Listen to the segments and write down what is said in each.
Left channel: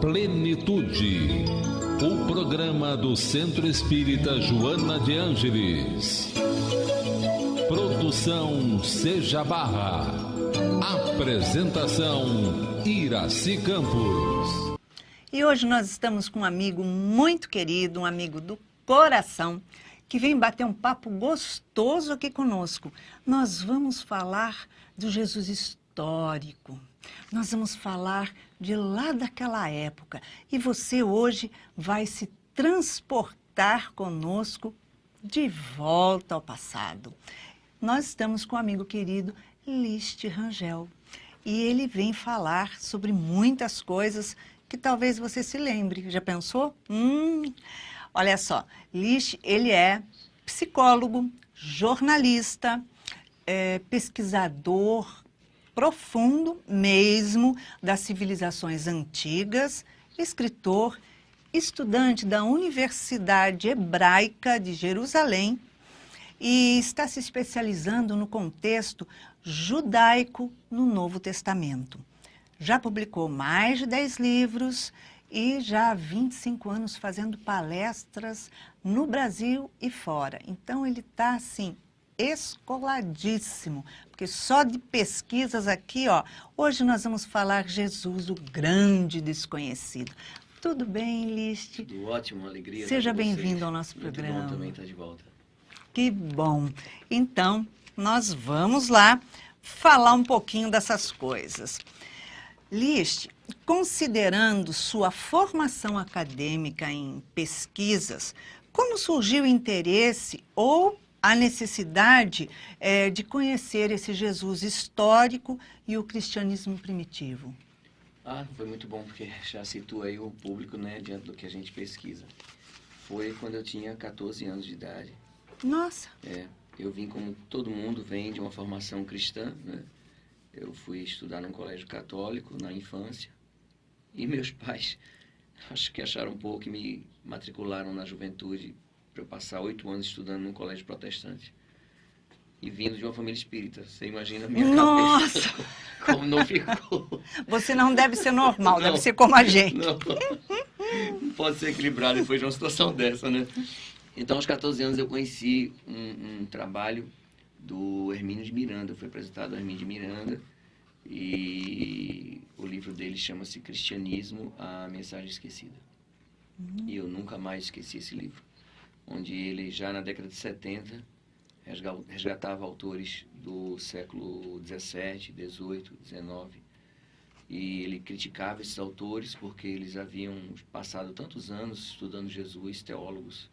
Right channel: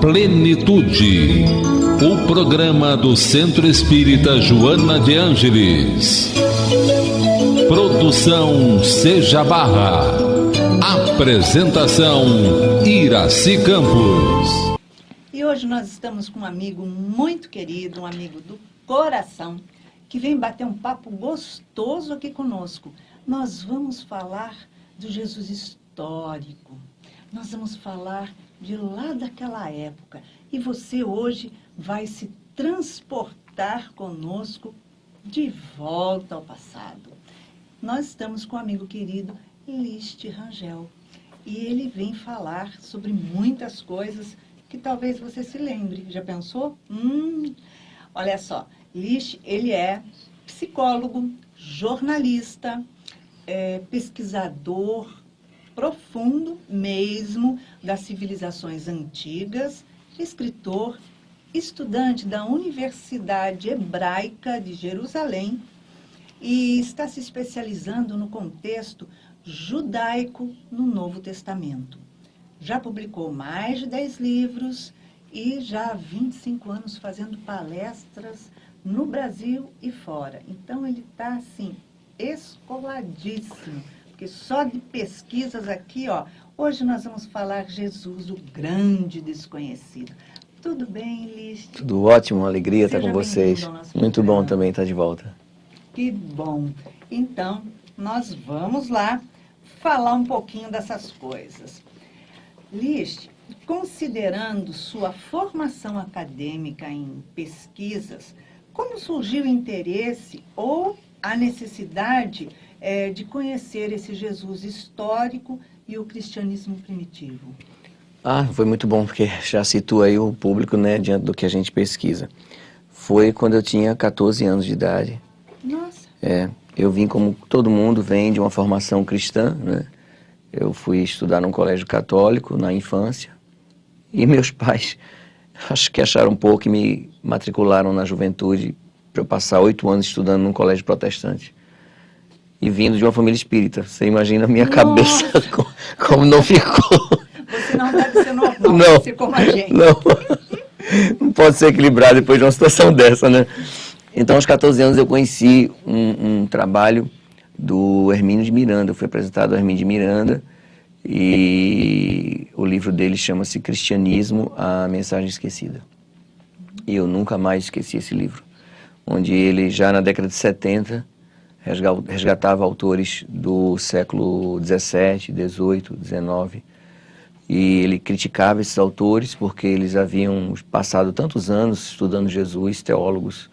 Plenitude, o programa do Centro Espírita Joana de Ângeles. Produção Seja Barra. Apresentação Iraci Campos. E hoje nós estamos com um amigo muito querido, um amigo do coração, que vem bater um papo gostoso aqui conosco. Nós vamos falar do Jesus histórico. Nós vamos falar de lá daquela época. E você hoje vai se transportar conosco de volta ao passado. Nós estamos com um amigo querido, Listi Rangel. E ele vem falar sobre muitas coisas que talvez você se lembre. Já pensou? Olha só, Listi, ele é psicólogo, jornalista, pesquisador profundo mesmo das civilizações antigas, escritor, estudante da Universidade Hebraica de Jerusalém e está se especializando no contexto judaico no Novo Testamento. Já publicou mais de 10 livros e já há 25 anos fazendo palestras no Brasil e fora. Então ele está assim, escoladíssimo. Porque só de pesquisas aqui, ó, hoje nós vamos falar Jesus, o grande desconhecido. Tudo bem, Listi? Tudo ótimo, uma alegria estar com vocês. Ao nosso Muito programa. bom também estar de volta. Que bom. Então, nós vamos lá falar um pouquinho dessas coisas. Listi, considerando sua formação acadêmica em pesquisas, como surgiu o interesse ou a necessidade de conhecer esse Jesus histórico e o cristianismo primitivo? Foi muito bom, porque já situa aí o público, né, diante do que a gente pesquisa. Foi quando eu tinha 14 anos de idade. Nossa! Eu vim como todo mundo vem de uma formação cristã, né? Eu fui estudar num colégio católico na infância e meus pais acho que acharam um pouco e me matricularam na juventude para eu passar 8 anos estudando num colégio protestante. E vindo de uma família espírita. Você imagina a minha cabeça como não ficou. Você não deve ser normal, deve ser como a gente. Não pode ser equilibrado depois de uma situação dessa, né? Então, aos 14 anos, eu conheci um trabalho do Hermínio de Miranda. Eu fui apresentado ao Hermínio de Miranda e o livro dele chama-se Cristianismo, a Mensagem Esquecida. E eu nunca mais esqueci esse livro, onde ele, já na década de 70, resgatava autores do século XVII, XVIII, XIX, e ele criticava esses autores porque eles haviam passado tantos anos estudando Jesus, teólogos,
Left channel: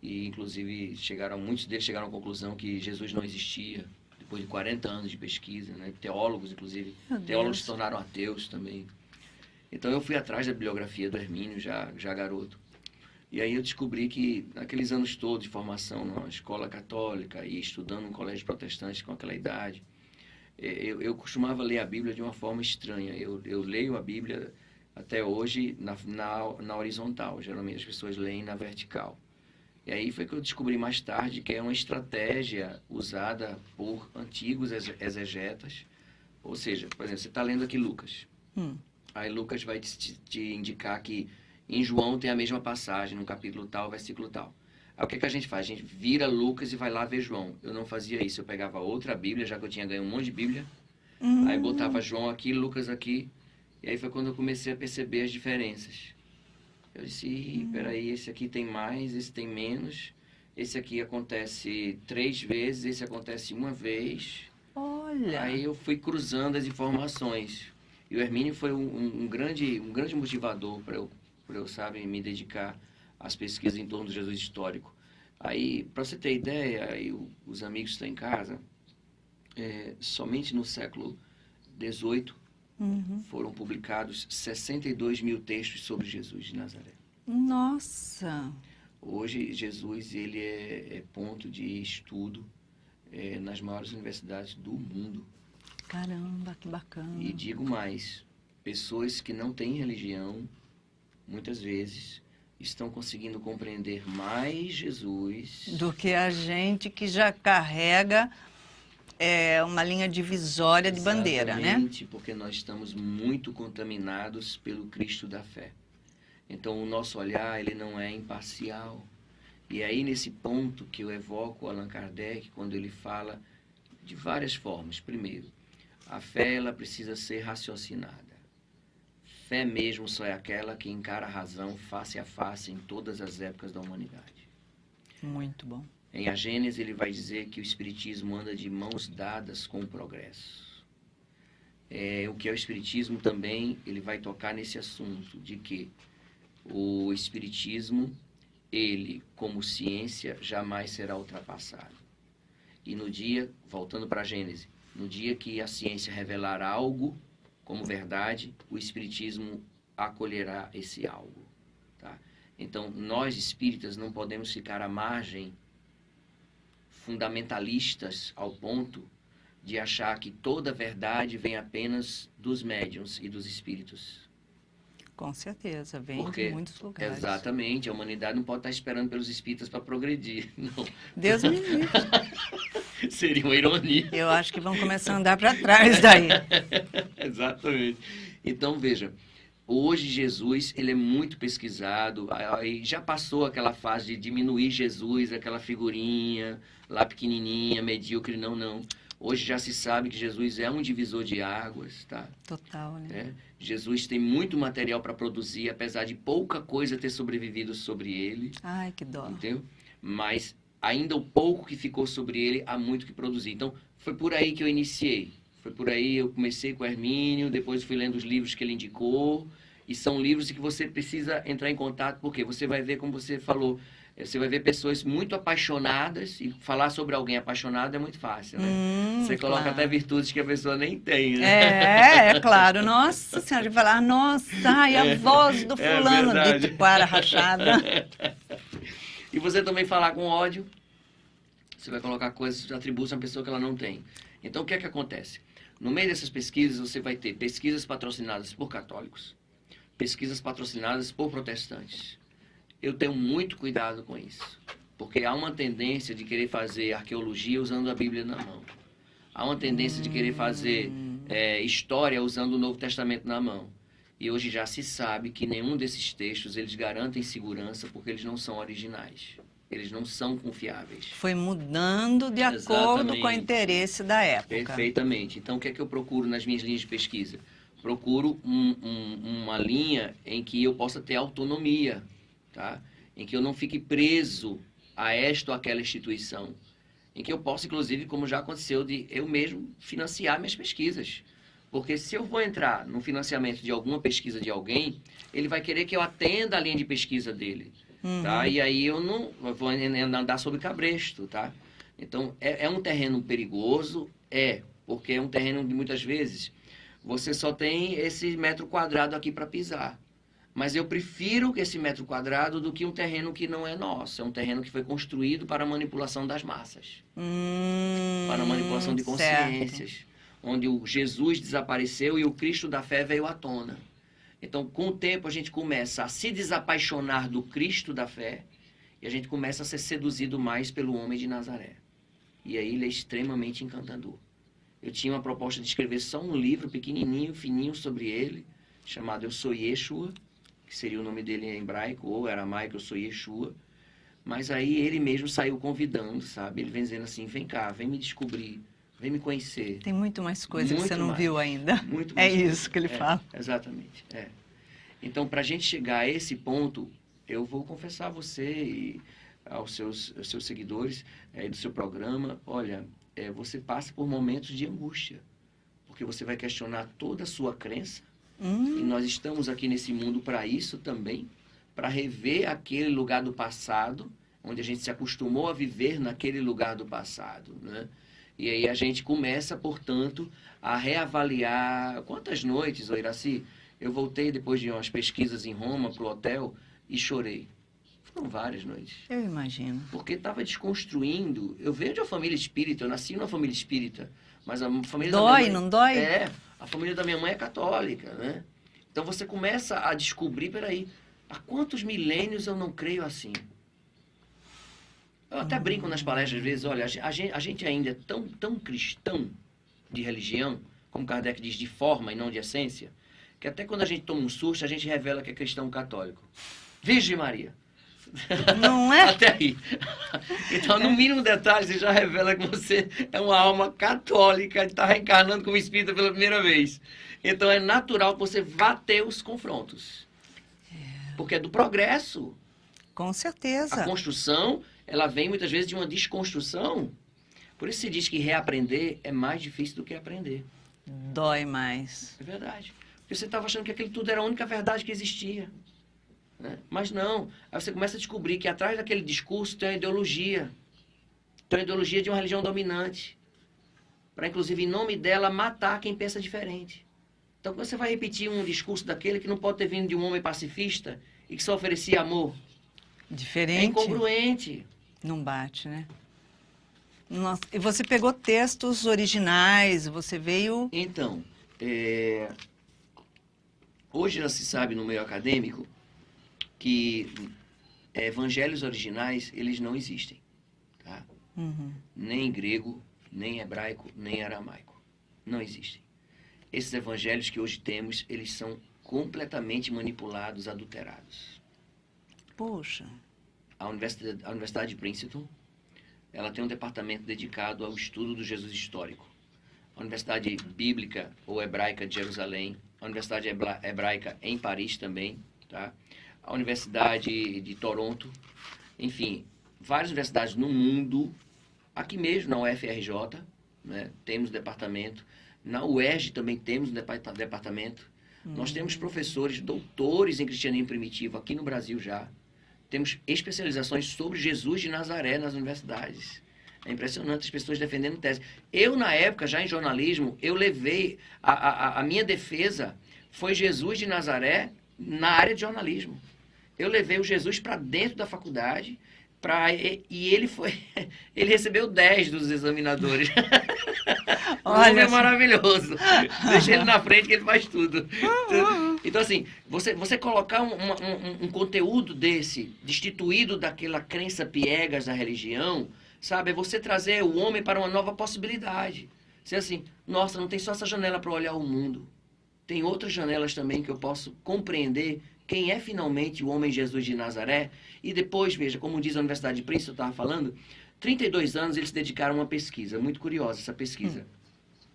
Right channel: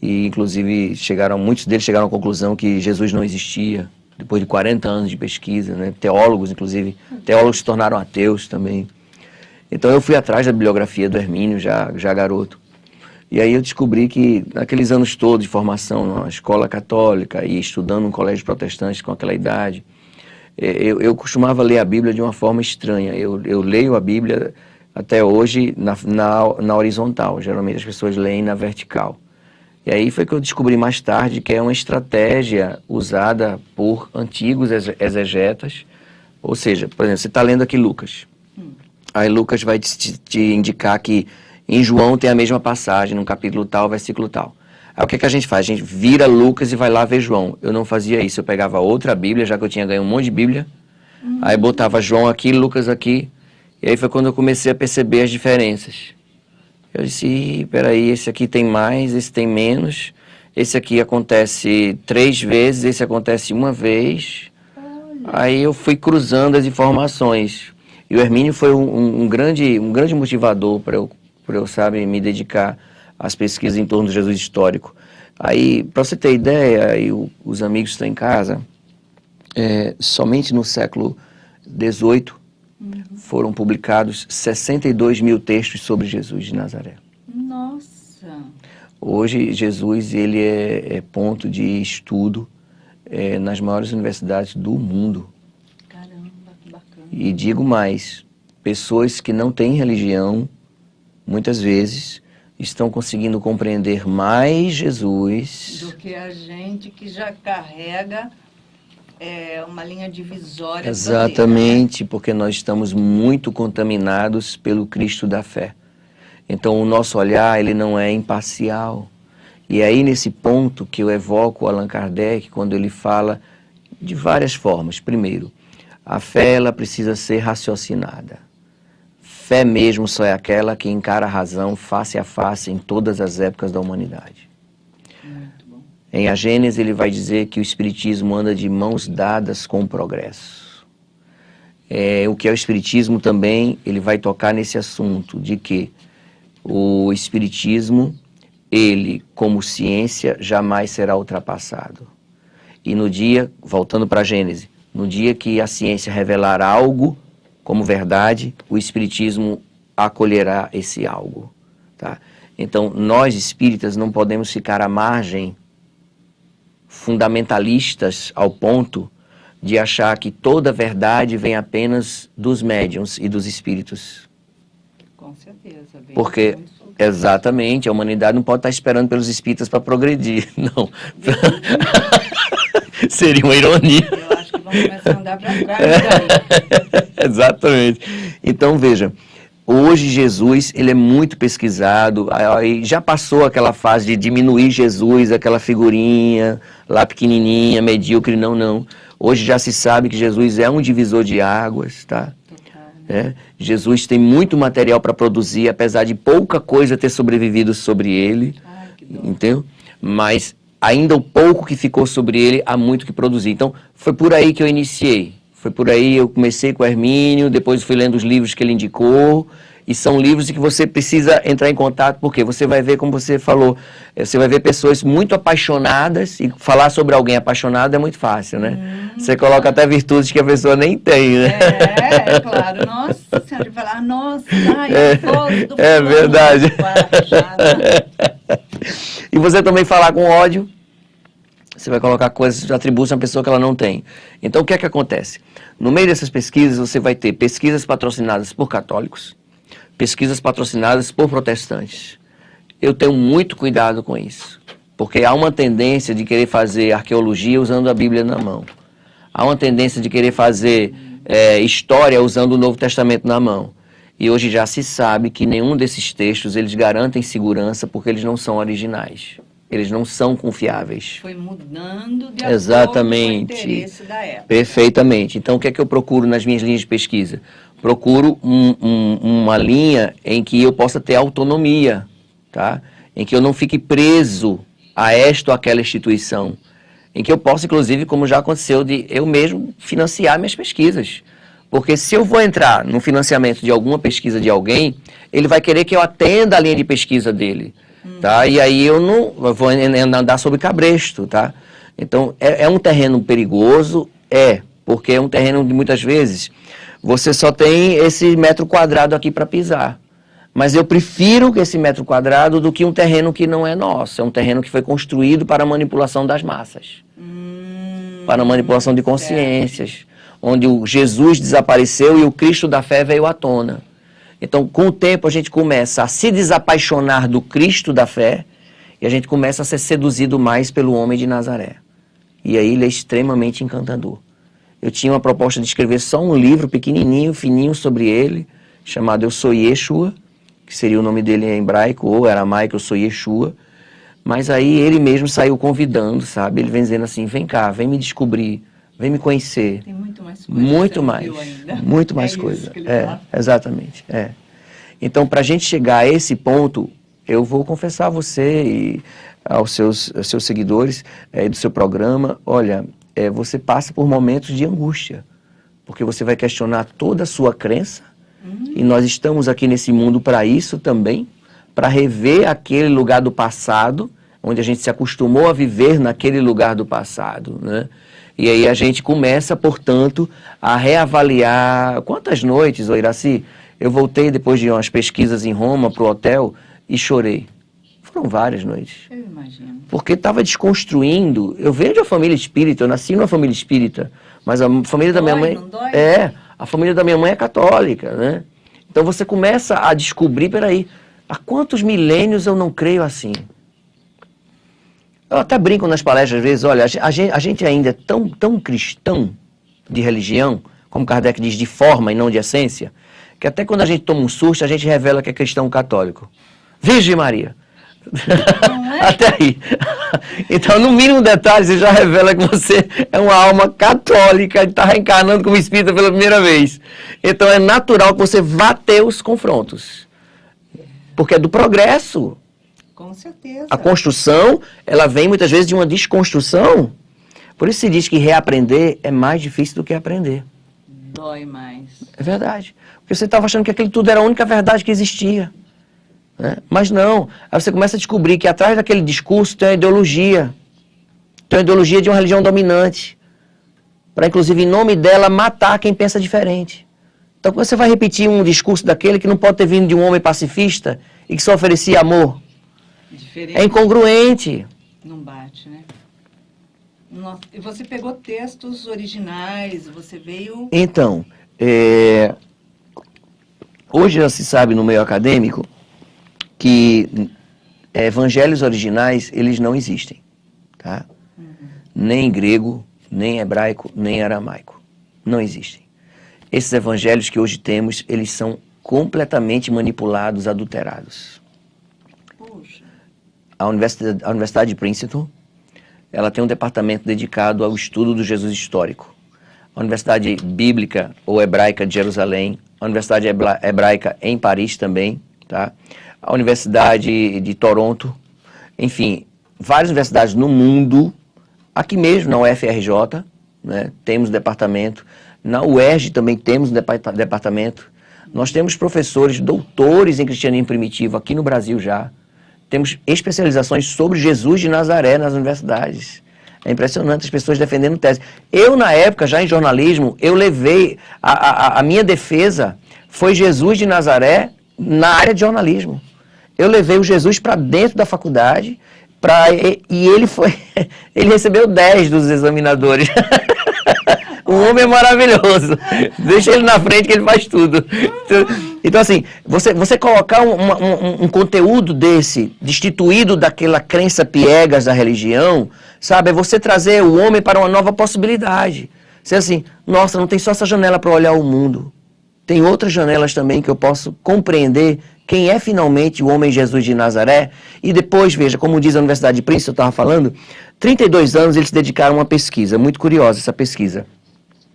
e inclusive muitos deles chegaram à conclusão que Jesus não existia, depois de 40 anos de pesquisa, né? Teólogos, inclusive, teólogos se tornaram ateus também. Então eu fui atrás da bibliografia do Hermínio, já garoto. E aí eu descobri que, naqueles anos todos de formação, na escola católica e estudando num colégio protestante com aquela idade, eu costumava ler a Bíblia de uma forma estranha. Eu leio a Bíblia até hoje na horizontal. Geralmente as pessoas leem na vertical. E aí foi que eu descobri mais tarde que é uma estratégia usada por antigos exegetas. Ou seja, por exemplo, você está lendo aqui Lucas. Aí Lucas vai te indicar que em João tem a mesma passagem, num capítulo tal, versículo tal. Aí o que a gente faz? A gente vira Lucas e vai lá ver João. Eu não fazia isso, eu pegava outra Bíblia, já que eu tinha ganho um monte de Bíblia, aí botava João aqui, Lucas aqui, e aí foi quando eu comecei a perceber as diferenças. Eu disse, peraí, esse aqui tem mais, esse tem menos, esse aqui acontece 3 vezes, esse acontece 1 vez. Olha. Aí eu fui cruzando as informações. E o Hermínio foi um grande motivador para eu, sabe, me dedicar às pesquisas em torno do Jesus histórico. Aí, para você ter ideia, os amigos que estão em casa, somente no século XVIII foram publicados 62 mil textos sobre Jesus de Nazaré. Nossa! Hoje, Jesus ele é ponto de estudo nas maiores universidades do mundo. Caramba, que bacana. E digo mais, pessoas que não têm religião, muitas vezes, estão conseguindo compreender mais Jesus do que a gente que já carrega uma linha divisória de Exatamente, bandeira, né? porque nós estamos muito contaminados pelo Cristo da fé. Então, o nosso olhar, ele não é imparcial. E é aí, nesse ponto, que eu evoco Allan Kardec, quando ele fala de várias formas. Primeiro, a fé, ela precisa ser raciocinada. Fé mesmo só é aquela que encara a razão face a face em todas as épocas da humanidade. Muito bom. Em A Gênese, ele vai dizer que o Espiritismo anda de mãos dadas com o progresso. O que é o Espiritismo também, ele vai tocar nesse assunto de que o Espiritismo, ele, como ciência, jamais será ultrapassado. E no dia, voltando para a Gênese, no dia que a ciência revelar algo como verdade, o Espiritismo acolherá esse algo. Tá? Então, nós espíritas não podemos ficar à margem, fundamentalistas ao ponto de achar que toda verdade vem apenas dos médiuns e dos espíritos. Com certeza. Vem Porque, de muitos lugares. exatamente, a humanidade não pode estar esperando pelos espíritas para progredir, não. Deus me livre. Seria uma ironia. Eu acho que vão começar a andar para trás daí. Exatamente. Então, veja, hoje Jesus, ele é muito pesquisado, aí já passou aquela fase de diminuir Jesus, aquela figurinha lá pequenininha, medíocre, não. Hoje já se sabe que Jesus é um divisor de águas, tá? Total, né? Jesus tem muito material para produzir, apesar de pouca coisa ter sobrevivido sobre ele. Ai, que dó. Entendeu? Mas ainda o pouco que ficou sobre ele, há muito que produzir. Então, foi por aí que eu iniciei. Foi por aí, eu comecei com o Hermínio, depois fui lendo os livros que ele indicou, e são livros que você precisa entrar em contato, porque você vai ver, como você falou, você vai ver pessoas muito apaixonadas, e falar sobre alguém apaixonado é muito fácil, né? Você coloca até virtudes que a pessoa nem tem, né? É claro. Nossa Senhora, de falar, nossa, ai, a voz do fulano. É verdade. Com a rachada. E você também falar com ódio, você vai colocar coisas, atributos a uma pessoa que ela não tem. Então, o que é que acontece? No meio dessas pesquisas, você vai ter pesquisas patrocinadas por católicos, pesquisas patrocinadas por protestantes. Eu tenho muito cuidado com isso, porque há uma tendência de querer fazer arqueologia usando a Bíblia na mão. Há uma tendência de querer fazer história usando o Novo Testamento na mão. E hoje já se sabe que nenhum desses textos eles garantem segurança porque eles não são originais. Eles não são confiáveis. Foi mudando de Exatamente. acordo com o interesse da época. Perfeitamente. Então, o que é que eu procuro nas minhas linhas de pesquisa? Procuro uma linha em que eu possa ter autonomia, tá? Em que eu não fique preso a esta ou aquela instituição. Em que eu possa, inclusive, como já aconteceu, de eu mesmo financiar minhas pesquisas. Porque se eu vou entrar no financiamento de alguma pesquisa de alguém, ele vai querer que eu atenda a linha de pesquisa dele. Tá? E aí eu vou andar sobre cabresto, tá? Então, é um terreno perigoso? Porque é um terreno onde muitas vezes você só tem esse metro quadrado aqui para pisar. Mas eu prefiro esse metro quadrado do que um terreno que não é nosso. É um terreno que foi construído para a manipulação das massas. Para a manipulação de consciências. Onde o Jesus desapareceu e o Cristo da fé veio à tona. Então, com o tempo, a gente começa a se desapaixonar do Cristo da fé e a gente começa a ser seduzido mais pelo homem de Nazaré. E aí ele é extremamente encantador. Eu tinha uma proposta de escrever só um livro pequenininho, fininho sobre ele, chamado Eu Sou Yeshua, que seria o nome dele em hebraico ou aramaico, Eu Sou Yeshua. Mas aí ele mesmo saiu convidando, sabe? Ele vem dizendo assim, vem cá, vem me descobrir. Vem me conhecer. Tem muito mais coisa muito que você não mais, viu ainda. Muito mais coisa. É isso que ele fala. Exatamente. Então, para a gente chegar a esse ponto, eu vou confessar a você e aos seus seguidores do seu programa, olha, você passa por momentos de angústia, porque você vai questionar toda a sua crença, e nós estamos aqui nesse mundo para isso também, para rever aquele lugar do passado, onde a gente se acostumou a viver naquele lugar do passado, né? E aí a gente começa, portanto, a reavaliar. Quantas noites, ô Iraci, eu voltei depois de umas pesquisas em Roma para o hotel e chorei. Foram várias noites. Eu imagino. Porque estava desconstruindo. Eu venho de uma família espírita, eu nasci numa família espírita, mas a família da minha mãe... Não dói? A família da minha mãe é católica, né? Então você começa a descobrir, peraí, há quantos milênios eu não creio assim? Eu até brinco nas palestras às vezes, olha, a gente ainda é tão cristão de religião, como Kardec diz, de forma e não de essência, que até quando a gente toma um susto, a gente revela que é cristão católico. Virgem Maria. Não é? Até aí. Então, no mínimo detalhe, você já revela que você é uma alma católica e está reencarnando como espírita pela primeira vez. Então, é natural que você vá ter os confrontos. Porque é do progresso. Com certeza. A construção, ela vem muitas vezes de uma desconstrução. Por isso se diz que reaprender é mais difícil do que aprender. Dói mais. É verdade. Porque você estava achando que aquilo tudo era a única verdade que existia. Né? Mas não. Aí você começa a descobrir que atrás daquele discurso tem uma ideologia. Tem uma ideologia de uma religião dominante. Para, inclusive, em nome dela, matar quem pensa diferente. Então, quando você vai repetir um discurso daquele que não pode ter vindo de um homem pacifista e que só oferecia amor, Diferente. é incongruente. Não bate, né? Nossa, e você pegou textos originais, você veio... Então, hoje já se sabe no meio acadêmico que evangelhos originais, eles não existem, tá? Nem em grego, nem em hebraico, nem em aramaico. Não existem. Esses evangelhos que hoje temos, eles são completamente manipulados, adulterados. Puxa. A Universidade de Princeton, ela tem um departamento dedicado ao estudo do Jesus histórico. A Universidade Bíblica ou Hebraica de Jerusalém, a Universidade Hebraica em Paris também, tá? A Universidade de Toronto, enfim, várias universidades no mundo, aqui mesmo na UFRJ, né, temos departamento, na UERJ também temos departamento, nós temos professores, doutores em cristianismo primitivo aqui no Brasil já, temos especializações sobre Jesus de Nazaré nas universidades. É impressionante as pessoas defendendo tese. Eu, na época, já em jornalismo, eu levei, a minha defesa foi Jesus de Nazaré na área de jornalismo. Eu levei o Jesus para dentro da faculdade e ele recebeu 10 dos examinadores. O homem é maravilhoso. Deixa ele na frente que ele faz tudo. Então, assim, você colocar um conteúdo desse, destituído daquela crença piegas da religião, sabe? É você trazer o homem para uma nova possibilidade. Você assim, nossa, não tem só essa janela para olhar o mundo. Tem outras janelas também que eu posso compreender quem é finalmente o homem Jesus de Nazaré. E depois, veja, como diz a Universidade de Princeton, eu estava falando, 32 anos eles se dedicaram a uma pesquisa, muito curiosa essa pesquisa.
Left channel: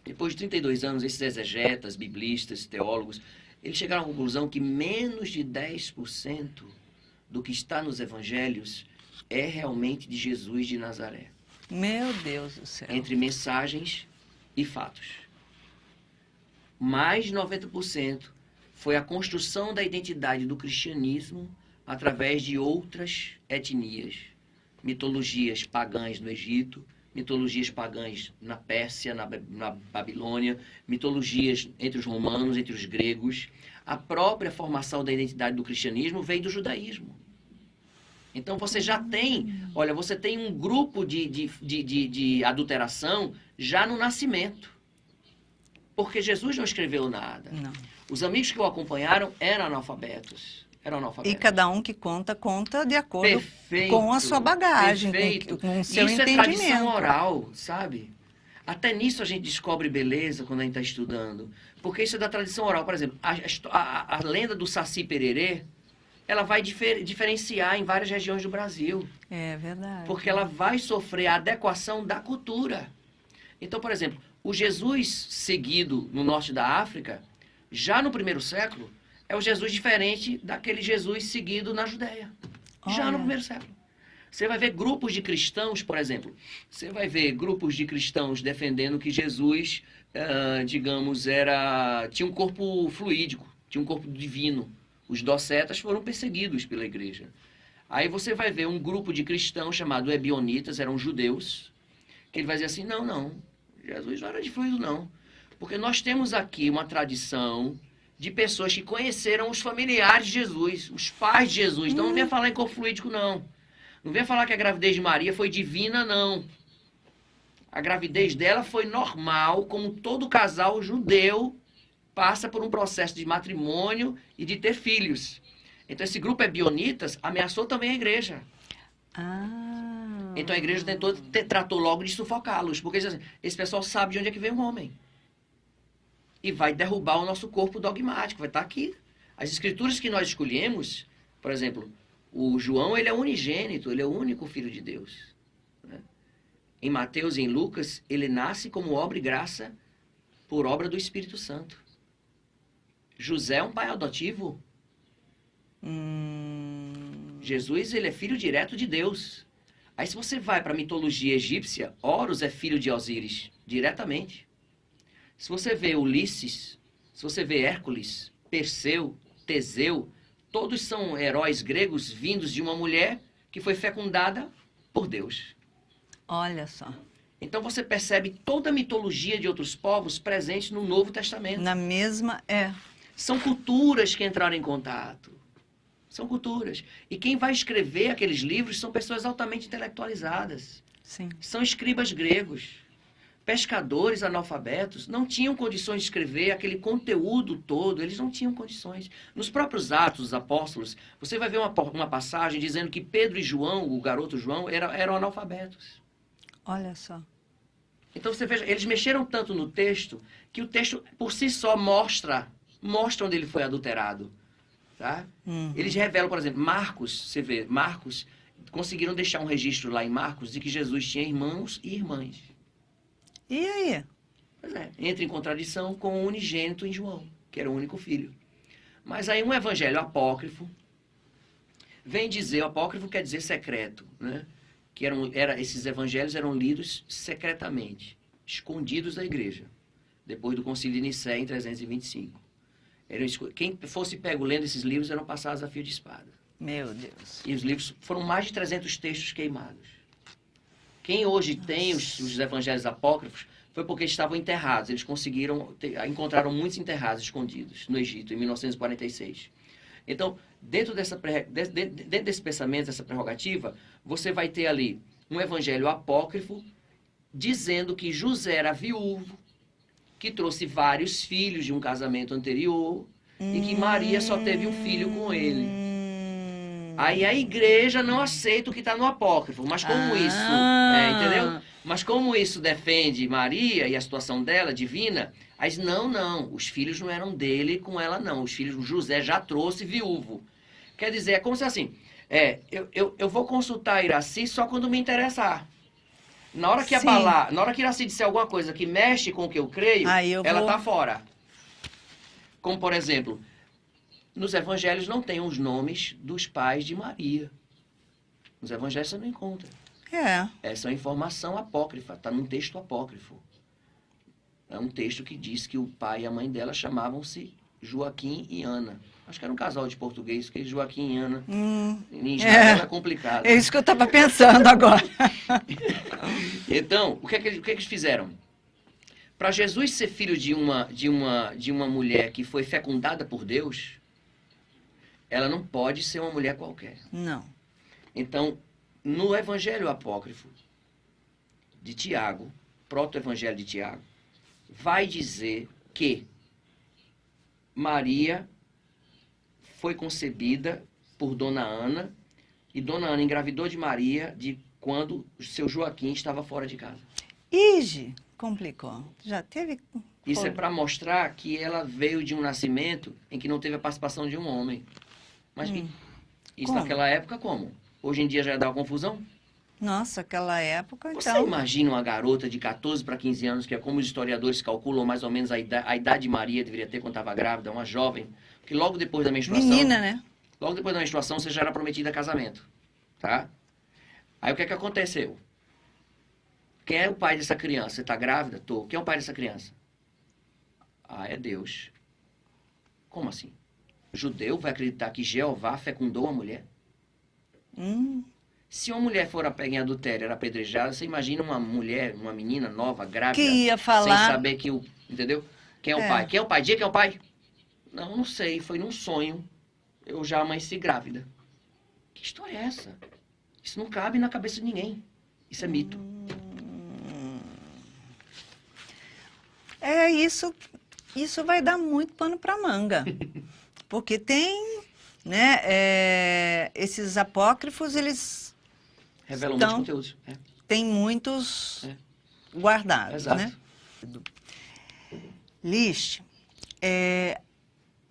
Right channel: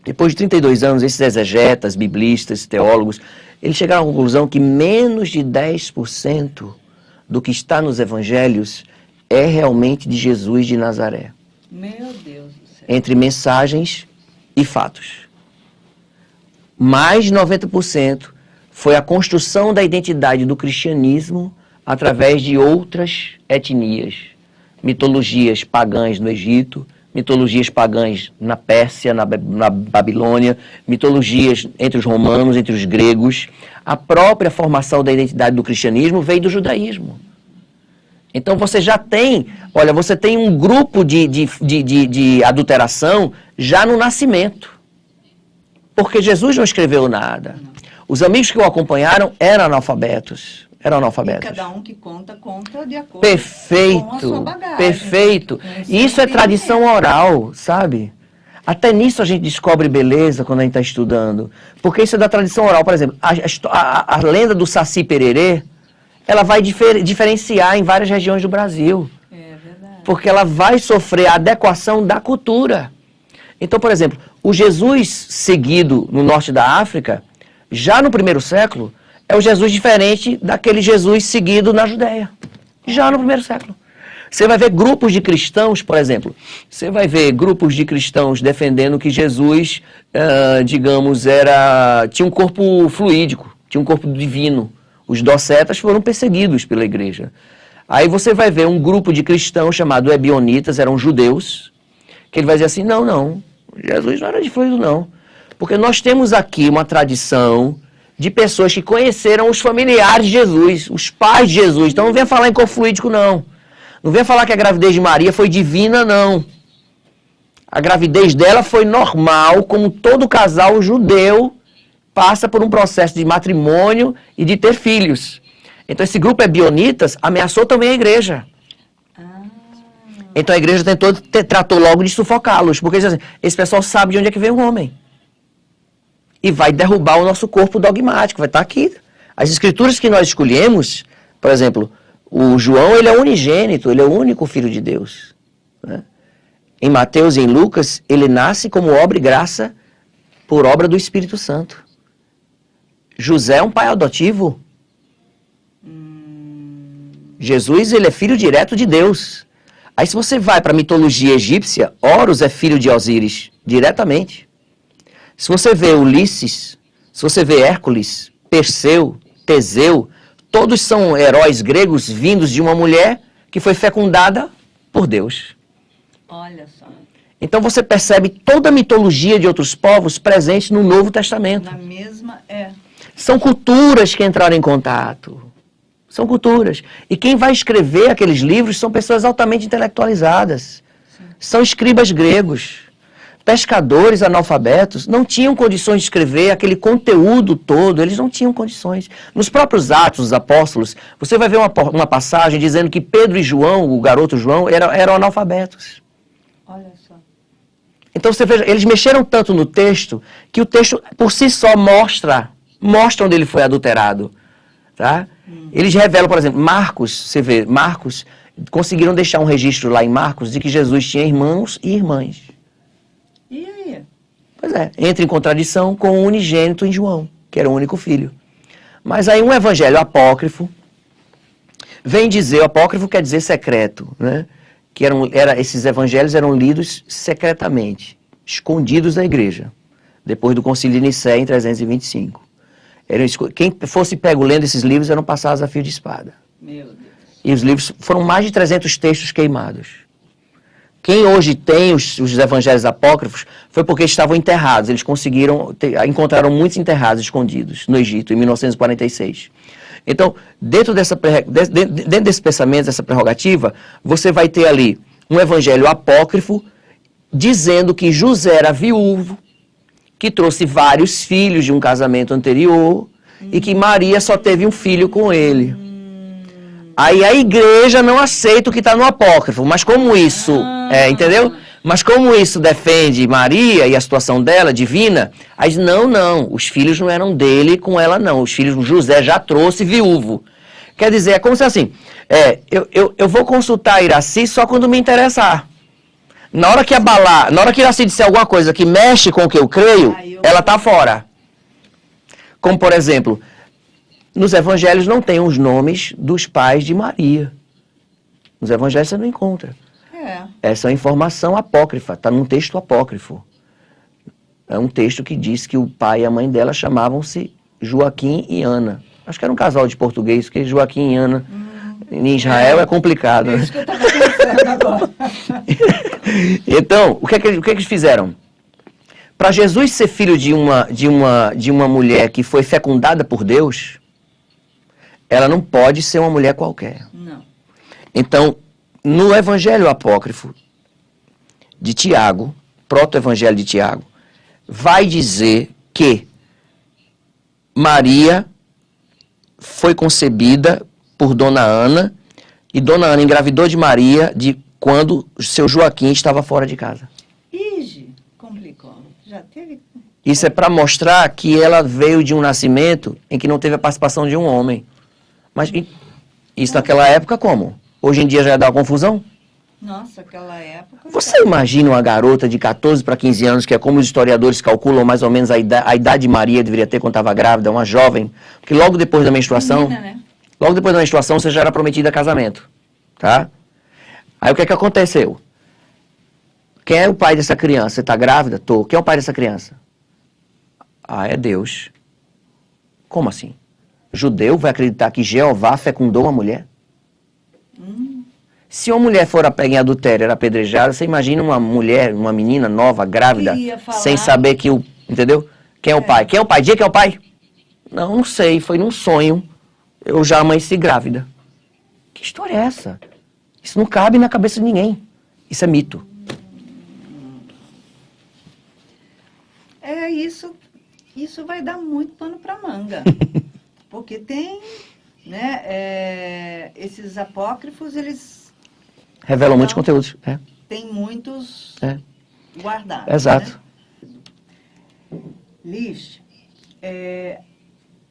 Depois de 32 anos, esses exegetas, biblistas, teólogos, eles chegaram à conclusão que menos de 10% do que está nos evangelhos é realmente de Jesus de Nazaré. Meu Deus do céu. Entre mensagens e fatos. Mais de 90% foi a construção da identidade do cristianismo através de outras etnias, mitologias pagãs no Egito, mitologias pagãs na Pérsia, na Babilônia, mitologias entre os romanos, entre os gregos. A própria formação da identidade do cristianismo veio do judaísmo. Então você já tem, olha, você tem um grupo de adulteração já no nascimento. Porque Jesus não escreveu nada. Não. Os amigos que o acompanharam eram analfabetos. E cada um que conta de acordo Perfeito, com a sua bagagem. perfeito. Isso é tradição oral, sabe? Até nisso a gente descobre beleza quando a gente está estudando. Porque isso é da tradição oral. Por exemplo, a lenda do Saci Pererê, ela vai diferenciar em várias regiões do Brasil. É verdade. Porque ela vai sofrer a adequação da cultura. Então, por exemplo, o Jesus seguido no norte da África, já no primeiro século, é o Jesus diferente daquele Jesus seguido na Judéia. Já no primeiro século. Você vai ver grupos de cristãos, por exemplo, você vai ver grupos de cristãos defendendo que Jesus, digamos, tinha um corpo fluídico, tinha um corpo divino. Os docetas foram perseguidos pela igreja. Aí você vai ver um grupo de cristãos chamado Ebionitas, eram judeus, que ele vai dizer assim, não, Jesus não era de fluido, não. Porque nós temos aqui uma tradição de pessoas que conheceram os familiares de Jesus, os pais de Jesus. Então não venha falar em corpo fluídico, não. Não venha falar que a gravidez de Maria foi divina, não. A gravidez dela foi normal, como todo casal judeu passa por um processo de matrimônio e de ter filhos. Então esse grupo Ebionitas ameaçou também a igreja. Então a igreja tratou logo de sufocá-los, porque assim, esse pessoal sabe de onde é que vem o homem. E vai derrubar o nosso corpo dogmático, vai estar aqui. As escrituras que nós escolhemos, por exemplo, o João, ele é unigênito, ele é o único filho de Deus. Né? Em Mateus e em Lucas, ele nasce como obra e graça por obra do Espírito Santo. José é um pai adotivo. Jesus, ele é filho direto de Deus. Aí se você vai para a mitologia egípcia, Horus é filho de Osíris, diretamente. Se você vê Ulisses, se você vê Hércules, Perseu, Teseu, todos são heróis gregos vindos de uma mulher que foi fecundada por Deus. Olha só. Então você percebe toda a mitologia de outros povos presente no Novo Testamento. Na mesma, São culturas que entraram em contato. São culturas. E quem vai escrever aqueles livros são pessoas altamente intelectualizadas. Sim. São escribas gregos. Pescadores analfabetos não tinham condições de escrever aquele conteúdo todo, eles não tinham condições. Nos próprios Atos dos Apóstolos, você vai ver uma passagem dizendo que Pedro e João, o garoto João, eram analfabetos. Olha só. Então você veja, eles mexeram tanto no texto, que o texto por si só mostra onde ele foi adulterado. Tá? Eles revelam, por exemplo, Marcos, você vê, Marcos, conseguiram deixar um registro lá em Marcos de que Jesus tinha irmãos e irmãs. E aí? Pois é, entra em contradição com o unigênito em João, que era o único filho. Mas aí um evangelho apócrifo vem dizer, o apócrifo quer dizer secreto, né? Que esses evangelhos eram lidos secretamente, escondidos da igreja, depois do concílio de Nicéia em 325. Quem fosse pego lendo esses livros eram passados a fio de espada. Meu Deus. E os livros foram mais de 300 textos queimados. Quem hoje tem os evangelhos apócrifos foi porque estavam enterrados. Eles encontraram muitos enterrados escondidos no Egito, em 1946. Então, dentro desse pensamento, dessa prerrogativa, você vai ter ali um evangelho apócrifo dizendo que José era viúvo, que trouxe vários filhos de um casamento anterior e que Maria só teve um filho com ele. Aí a igreja não aceita o que está no apócrifo, mas como isso, entendeu? Mas como isso defende Maria e a situação dela, divina, aí diz, não, os filhos não eram dele com ela não, os filhos José já trouxe viúvo. Quer dizer, é como se assim, eu vou consultar Iraci só quando me interessar. Na hora que Iraci disser alguma coisa que mexe com o que eu creio, ela está fora. Como, por exemplo, nos evangelhos não tem os nomes dos pais de Maria. Nos evangelhos você não encontra. Essa é uma informação apócrifa, está num texto apócrifo. É um texto que diz que o pai e a mãe dela chamavam-se Joaquim e Ana. Acho que era um casal de português, porque Joaquim e Ana em Israel é complicado. É isso que eu estava pensando agora. Então, o que é que eles fizeram? Para Jesus ser filho de uma mulher que foi fecundada por Deus, ela não pode ser uma mulher qualquer. Não. Então, no Evangelho Apócrifo de Tiago, proto-evangelho de Tiago, vai dizer que Maria foi concebida por Dona Ana e Dona Ana engravidou de Maria quando seu Joaquim estava fora de casa. Ige, complicou. Já teve... Isso é para mostrar que ela veio de um nascimento em que não teve a participação de um homem. Mas isso naquela época como? Hoje em dia já dá confusão? Nossa, aquela época... Você imagina uma garota de 14 para 15 anos, que é como os historiadores calculam mais ou menos a idade de Maria deveria ter quando estava grávida, uma jovem, porque logo depois da menstruação... Menina, né? Logo depois da menstruação você já era prometida a casamento, tá? Aí o que é que aconteceu? Quem é o pai dessa criança? Você está grávida? Tô. Quem é o pai dessa criança? Ah, é Deus. Como assim? Judeu vai acreditar que Jeová fecundou uma mulher? Se uma mulher for pega em adultério, era apedrejada, você imagina uma mulher, uma menina nova, grávida, sem saber que o... Entendeu? Quem é o pai? Quem é o pai? Diga quem é o pai. Não sei, foi num sonho. Eu já amanheci grávida. Que história é essa? Isso não cabe na cabeça de ninguém. Isso é mito. Isso vai dar muito pano para manga. Porque tem, né, esses apócrifos, eles Revelam muitos conteúdos. Tem muitos guardados. Exato. Né? Lish,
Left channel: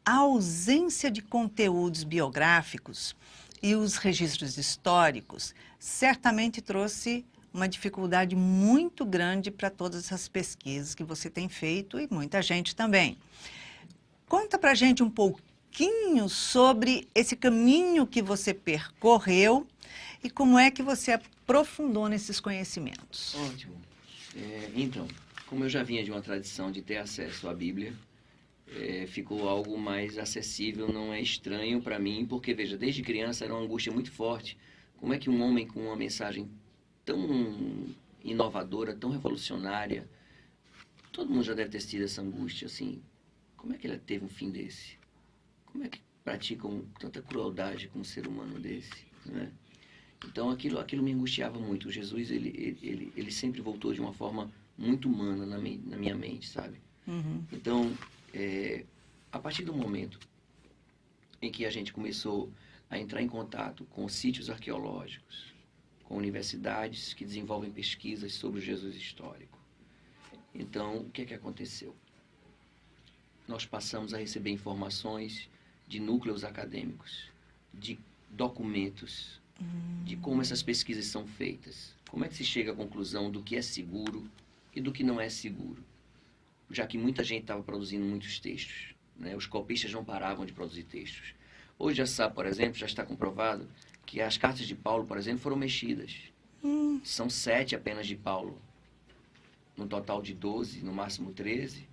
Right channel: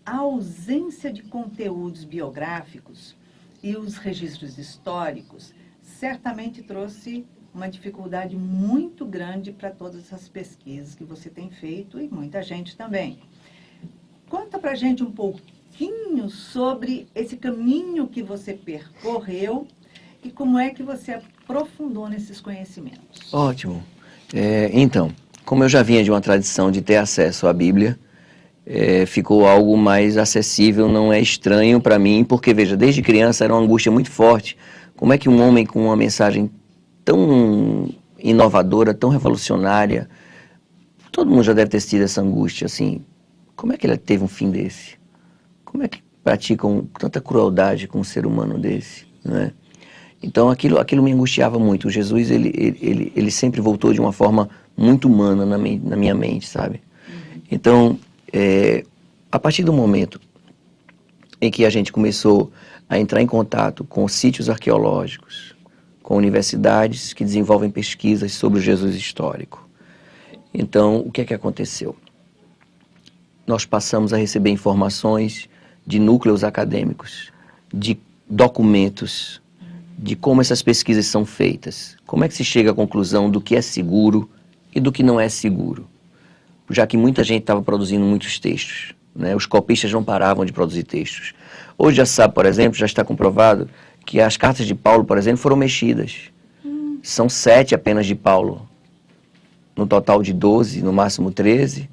a ausência de conteúdos biográficos e os registros históricos certamente trouxe uma dificuldade muito grande para todas essas pesquisas que você tem feito e muita gente também. Conta para a gente um pouquinho sobre esse caminho que você percorreu e como é que você aprofundou nesses conhecimentos. Ótimo. Então, como eu já vinha de uma tradição de ter acesso à Bíblia, ficou algo mais acessível, não é estranho para mim, porque, veja, desde criança era uma angústia muito forte. Como é que um homem com uma mensagem tão inovadora, tão revolucionária, todo mundo já deve ter tido essa angústia, assim, como é que ele teve um fim desse? Como é que praticam tanta crueldade com um ser humano desse, né? Então aquilo me angustiava muito. O Jesus, ele sempre voltou de uma forma muito humana na minha mente, sabe? Uhum. Então, a partir do momento em que a gente começou a entrar em contato com sítios arqueológicos, com universidades que desenvolvem pesquisas sobre o Jesus histórico, então, o que é que aconteceu? Nós passamos a receber informações de núcleos acadêmicos, de documentos, de como essas pesquisas são feitas, como é que se chega à conclusão do que é seguro e do que não é seguro, já que muita gente estava produzindo muitos textos, né? Os copistas não paravam de produzir textos. Hoje já sabe, por exemplo, já está comprovado que as cartas de Paulo, por exemplo, foram mexidas. São 7 apenas de Paulo, no total de 12, no máximo 13,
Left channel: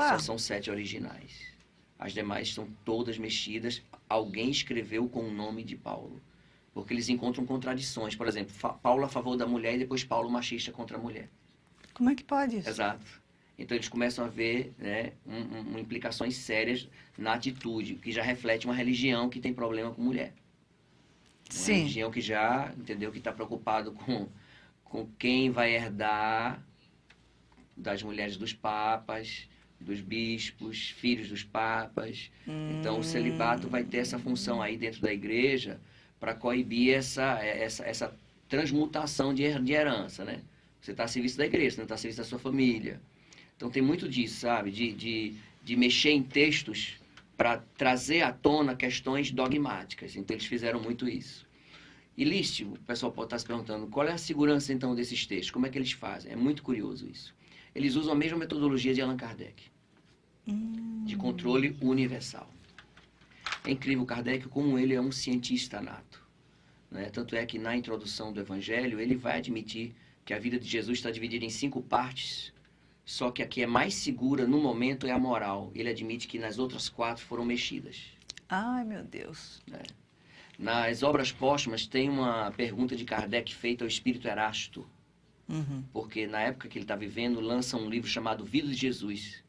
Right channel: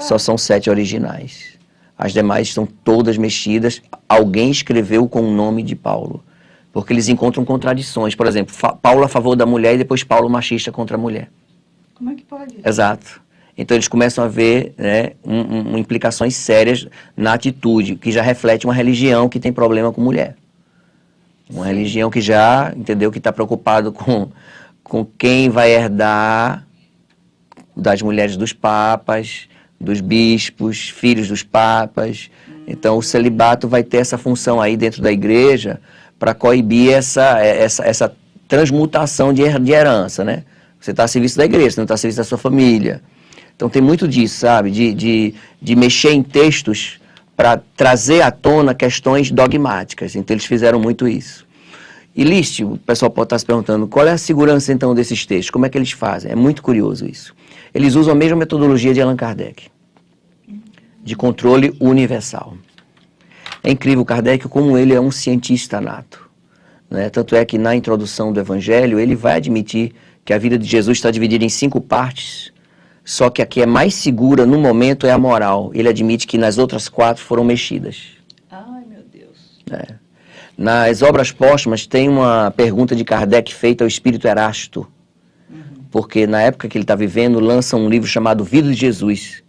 só são 7 originais. As demais estão todas mexidas, alguém escreveu com o nome de Paulo. Porque eles encontram contradições. Por exemplo, Paulo a favor da mulher e depois Paulo machista contra a mulher. Como é que pode isso? Exato. Então eles começam a ver, né, implicações sérias na atitude, que já reflete uma religião que tem problema com mulher. Uma religião que já, entendeu, que está preocupado com quem vai herdar das mulheres dos papas, dos bispos, filhos dos papas. Então o celibato vai ter essa função aí dentro da igreja para coibir essa transmutação de herança, né? Você está a serviço da igreja, você não está a serviço da sua família. Então tem muito disso, sabe? De mexer em textos para trazer à tona questões dogmáticas. Então eles fizeram muito isso. E List, o pessoal pode estar se perguntando, qual é a segurança então desses textos? Como é que eles fazem? É muito curioso isso. Eles usam a mesma metodologia de Allan Kardec, de controle universal. É incrível Kardec como ele é um cientista nato, né? Tanto é que na introdução do Evangelho ele vai admitir que a vida de Jesus está dividida em 5 partes, só que a que é mais segura no momento é a moral. Ele admite que nas outras 4 foram mexidas. Ai, meu Deus. Nas obras póstumas tem uma pergunta de Kardec feita ao espírito Erasto, porque na época que ele está vivendo lança um livro chamado Vida de Jesus.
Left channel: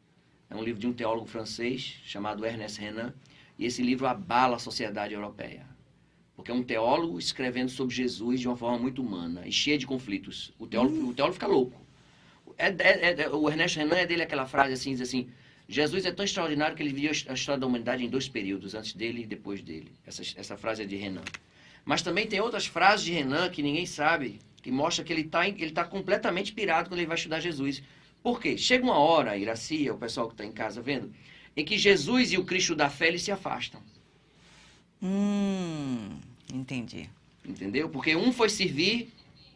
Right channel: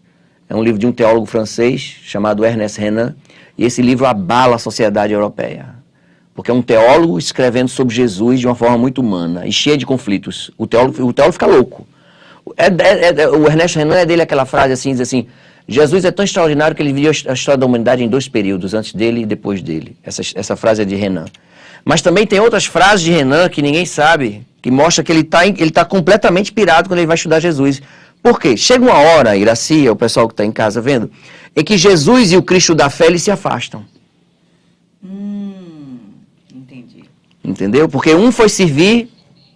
É um livro de um teólogo francês chamado Ernest Renan, e esse livro abala a sociedade europeia, porque é um teólogo escrevendo sobre Jesus de uma forma muito humana e cheia de conflitos. O teólogo fica louco. O Ernest Renan é dele aquela frase assim, diz assim, Jesus é tão extraordinário que ele viu a história da humanidade em 2 períodos, antes dele e depois dele. Essa frase é de Renan. Mas também tem outras frases de Renan que ninguém sabe, que mostra que ele tá completamente pirado quando ele vai estudar Jesus. Por quê? Chega uma hora, Iracia, o pessoal que está em casa vendo, em que Jesus e o Cristo da fé, eles se afastam. Entendi. Entendeu? Porque um foi servir